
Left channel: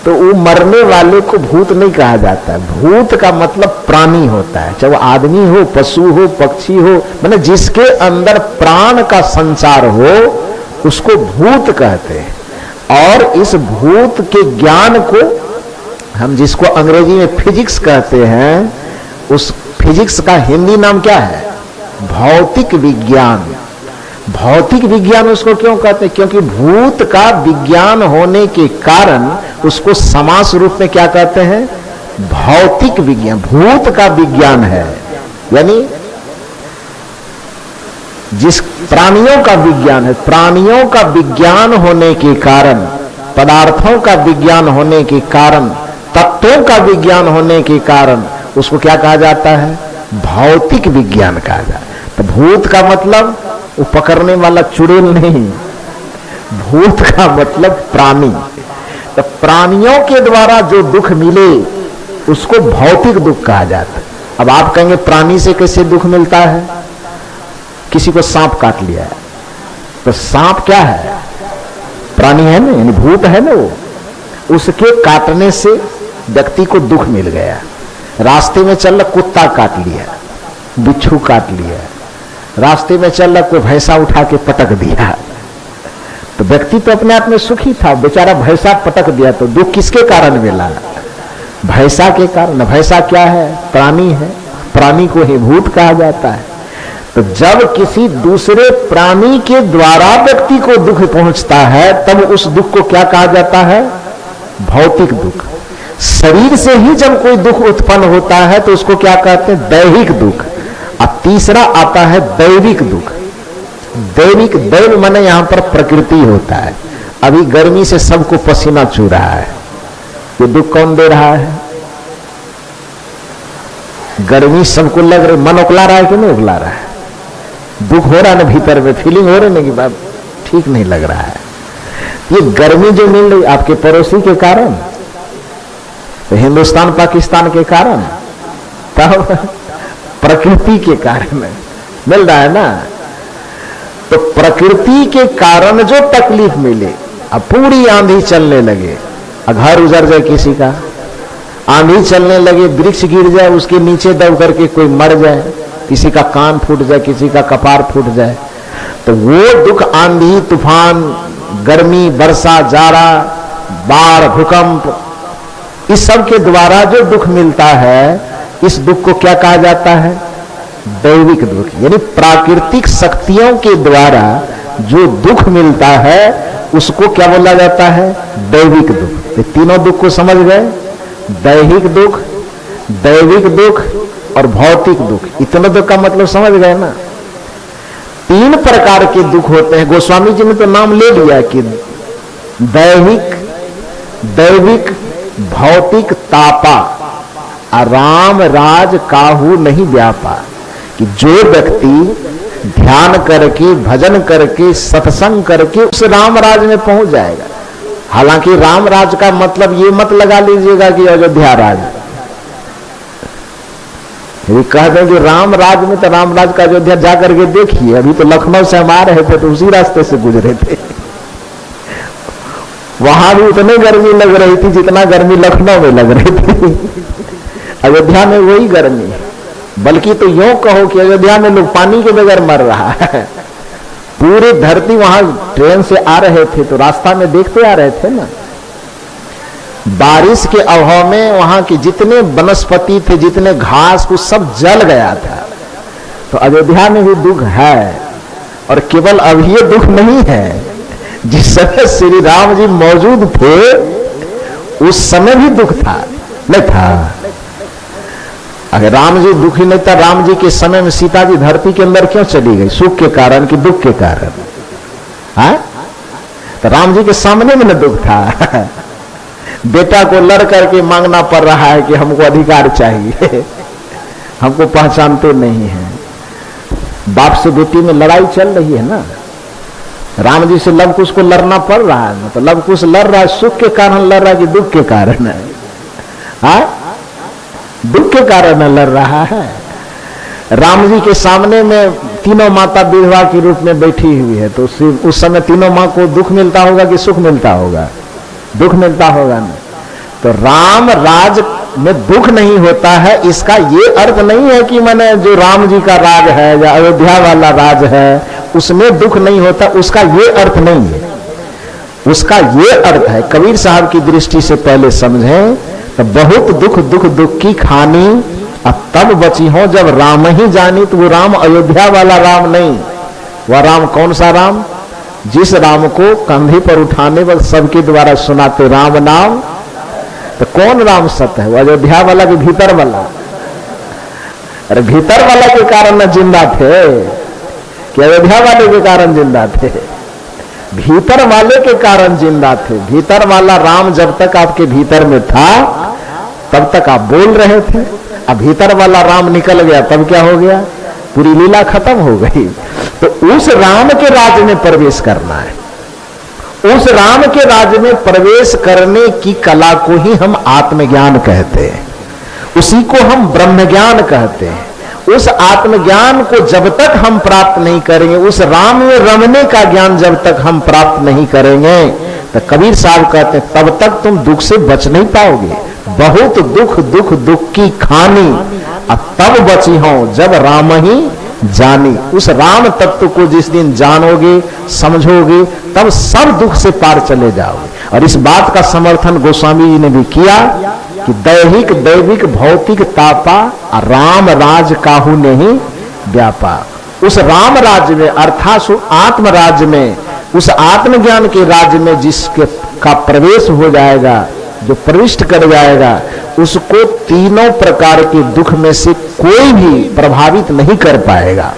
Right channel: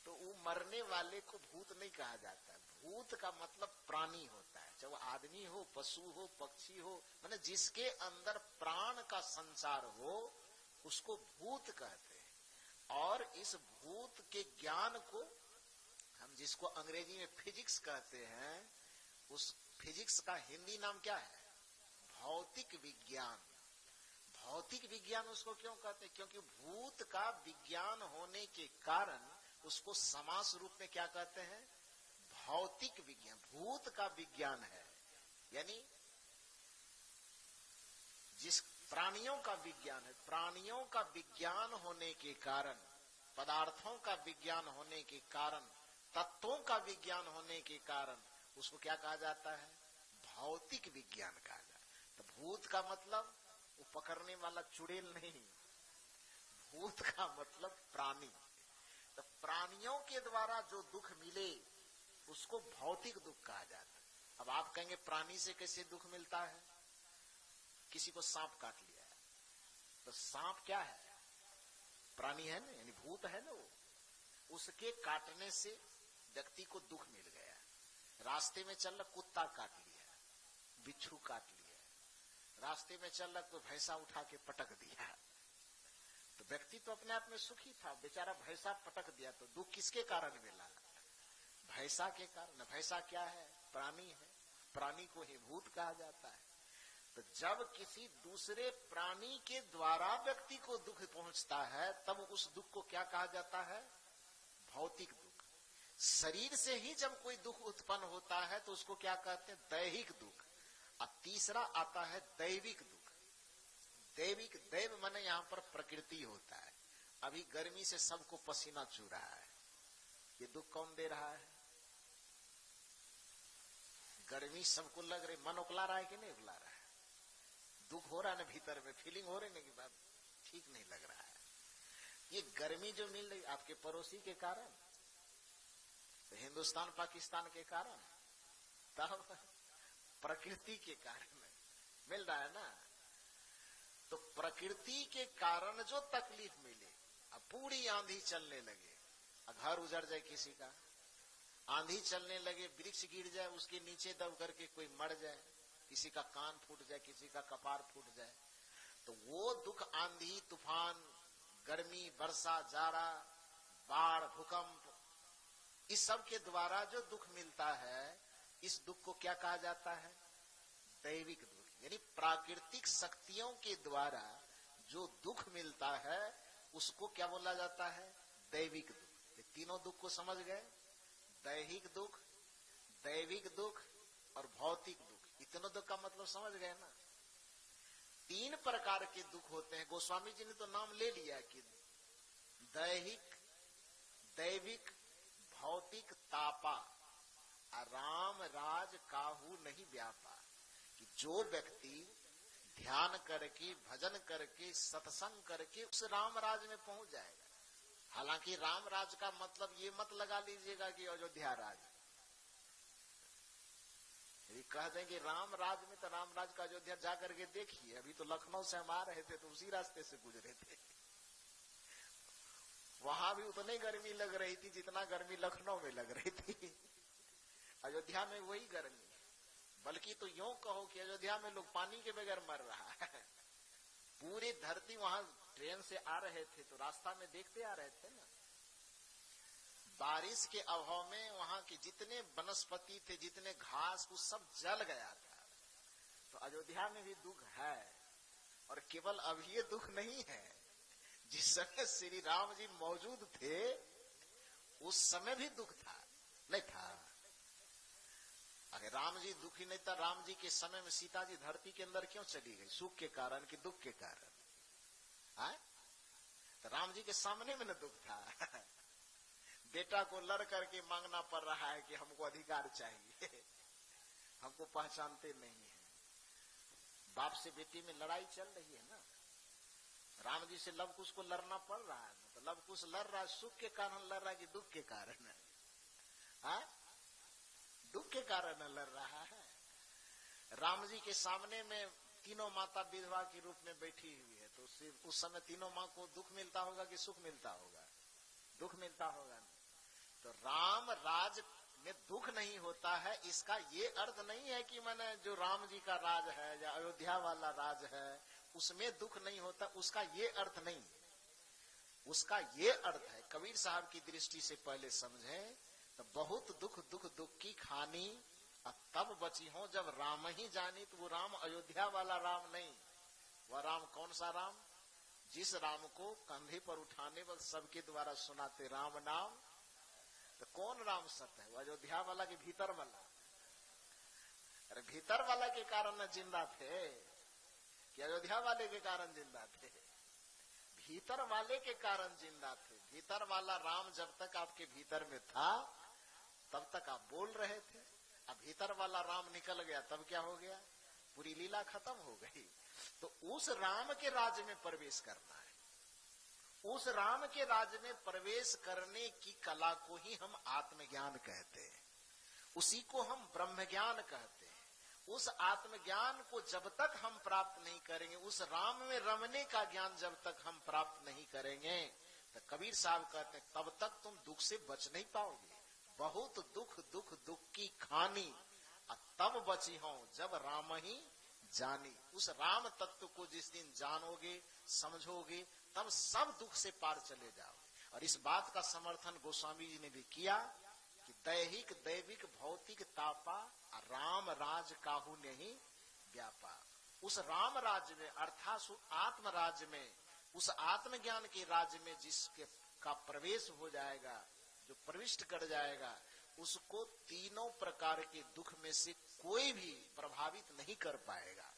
तो वो मरने वाले को भूत नहीं कहा जाता है। भूत का मतलब प्राणी होता है, चाहे वो आदमी हो, पशु हो, पक्षी हो, माने जिसके अंदर प्राण का संचार हो उसको भूत कहते हैं। और इस भूत के ज्ञान को हम, जिसको अंग्रेजी में फिजिक्स कहते हैं, उस फिजिक्स का हिंदी नाम क्या है? भौतिक विज्ञान। भौतिक विज्ञान उसको क्यों कहते हैं? क्योंकि भूत का विज्ञान होने के कारण उसको समास रूप में क्या कहते हैं? भौतिक विज्ञान। भूत का विज्ञान है, यानी जिस प्राणियों का विज्ञान है, प्राणियों का विज्ञान होने के कारण, पदार्थों का विज्ञान होने के कारण, तत्वों का विज्ञान होने के कारण उसको क्या कहा जाता है? भौतिक विज्ञान कहा जाता है। तो भूत का मतलब वो पकड़ने वाला चुड़ैल नहीं, भूत का मतलब प्राणी। तो प्राणियों के द्वारा जो दुख मिले उसको भौतिक दुख कहा जाता है। अब आप कहेंगे प्राणी से कैसे दुख मिलता है? किसी को सांप काट लिया है, तो सांप क्या है? प्राणी है ना, यानी भूत है ना। वो उसके काटने से व्यक्ति को दुख मिल गया। रास्ते में चल रहा कुत्ता काट लिया, बिच्छू काट लिया, रास्ते में चल रहा कोई भैंसा उठा के पटक दिया, तो व्यक्ति तो अपने आप में सुखी था, बेचारा भैंसा पटक दिया, तो दुख किसके कारण मिला? भैंसा के कारण। भैंसा क्या है? प्राणी है। प्राणी को ही भूत कहा जाता है। तो जब किसी दूसरे प्राणी के द्वारा व्यक्ति को दुख पहुंचता है, तब उस दुख को क्या कहा जाता है? भौतिक दुख। शरीर से ही जब कोई दुख उत्पन्न होता है तो उसको क्या कहते हैं? दैहिक दुख। अब तीसरा आता है दैविक दुख। दैविक, दैव माने यहां पर प्रकृति होता है। अभी गर्मी से सबको पसीना चू रहा है, ये दुख कौन दे रहा है? गर्मी सबको लग रही, मन उकला रहा है कि नहीं उकला रहा है? दुख हो रहा है ना भीतर में, फीलिंग हो रही है कि बात ठीक नहीं लग रहा है। ये गर्मी जो मिल रही आपके पड़ोसी के कारण, तो हिंदुस्तान पाकिस्तान के कारण, तब प्रकृति के कारण मिल रहा है ना। तो प्रकृति के कारण जो तकलीफ मिले, अब पूरी आंधी चलने लगे, घर उजड़ जाए किसी का, आंधी चलने लगे, वृक्ष गिर जाए, उसके नीचे दब करके कोई मर जाए, किसी का कान फूट जाए, किसी का कपार फूट जाए, तो वो दुख आंधी, तूफान, गर्मी, वर्षा, जाड़ा, बाढ़, भूकंप, इस सब के द्वारा जो दुख मिलता है, इस दुख को क्या कहा जाता है? दैविक दुख। यानी प्राकृतिक शक्तियों के द्वारा जो दुख मिलता है उसको क्या बोला जाता है? दैविक दुख। ये तीनों दुख को समझ गए? दैहिक दुख, दैविक दुख और भौतिक दुख। इतने दुख का मतलब समझ गए ना? तीन प्रकार के दुख होते हैं। गोस्वामी जी ने तो नाम ले लिया कि दैहिक, दैविक, भौतिक, तापा, राम राज काहू नहीं व्यापा। कि जो व्यक्ति ध्यान करके, भजन करके, सत्संग करके उस राम राज में पहुंच जाएगा। हालांकि राम राज का मतलब ये मत लगा लीजिएगा कि अयोध्या राज, यदि कह दें कि राम राज में, तो राम राज का अयोध्या जाकर के देखिए। अभी तो लखनऊ से हम आ रहे थे तो उसी रास्ते से गुजरे थे, वहां भी उतनी गर्मी लग रही थी जितना गर्मी लखनऊ में लग रही थी। अयोध्या में वही गर्मी, बल्कि तो यूं कहो कि अयोध्या में लोग पानी के बगैर मर रहा है। पूरी धरती, वहां ट्रेन से आ रहे थे तो रास्ता में देखते आ रहे थे ना, बारिश के अभाव में वहां के जितने वनस्पति थे, जितने घास, कुछ सब जल गया था। तो अयोध्या में भी दुख है, और केवल अभी ये दुख नहीं है, जिस समय श्री राम जी मौजूद थे उस समय भी दुख था, नहीं था? अगर राम जी दुखी नहीं था, राम जी के समय में सीता जी धरती के अंदर क्यों चली गई? सुख के कारण कि दुख के कारण? हाँ, तो राम जी के सामने में न दुख था। बेटा को लड़ करके मांगना पड़ रहा है कि हमको अधिकार चाहिए, हमको पहचानते नहीं है। बाप से बेटी में लड़ाई चल रही है ना, राम जी से लव कुश को लड़ना पड़ रहा है ना, तो लव कुश लड़ रहा है, सुख के कारण लड़ रहा है कि दुख के कारण है? हाँ, दुख के कारण लड़ रहा है। राम जी के सामने में तीनों माता विधवा के रूप में बैठी हुई है, तो उस समय तीनों माँ को दुख मिलता होगा कि सुख मिलता होगा? दुख मिलता होगा ना। तो राम राज में दुख नहीं होता है, इसका ये अर्थ नहीं है कि मैंने जो राम जी का राज है या अयोध्या वाला राज है उसमें दुख नहीं होता, उसका ये अर्थ नहीं है। उसका ये अर्थ है, कबीर साहब की दृष्टि से पहले समझें तो बहुत दुख दुख दुख की खानी, अब तब बची हो जब राम ही जानी। तो वो राम अयोध्या वाला राम नहीं, वह राम कौन सा राम? जिस राम को कंधे पर उठाने वक्त सबके द्वारा सुनाते राम नाम। तो कौन राम सत्य है? वो अयोध्या वाला के भीतर वाला? अरे भीतर वाला के कारण न जिंदा थे कि अयोध्या वाले के कारण जिंदा थे? भीतर वाले के कारण जिंदा थे। भीतर वाला राम जब तक आपके भीतर में था तब तक आप बोल रहे थे, अब भीतर वाला राम निकल गया तब क्या हो गया? पूरी लीला खत्म हो गई। तो उस राम के राज्य में प्रवेश करना है। उस राम के राज्य में प्रवेश करने की कला को ही हम आत्मज्ञान कहते हैं, उसी को हम ब्रह्म ज्ञान कहते हैं। उस आत्मज्ञान को जब तक हम प्राप्त नहीं करेंगे, उस राम में रमने का ज्ञान जब तक हम प्राप्त नहीं करेंगे, तो कबीर साहब कहते हैं तब तक तुम दुख से बच नहीं पाओगे। बहुत दुख दुख दुख की खानी, अब तब बची हो जब राम ही जानी। उस राम तत्व को जिस दिन जानोगे, समझोगे, तब सब दुख से पार चले जाओगे। और इस बात का समर्थन गोस्वामी जी ने भी किया कि दैहिक दैविक भौतिक तापा, राम राज काहू नहीं व्यापा। उस राम राज्य में अर्थात आत्म राज्य में, उस आत्मज्ञान के राज्य में जिसके का प्रवेश हो जाएगा जो प्रविष्ट कर जाएगा उसको तीनों प्रकार के दुख में से कोई भी प्रभावित नहीं कर पाएगा।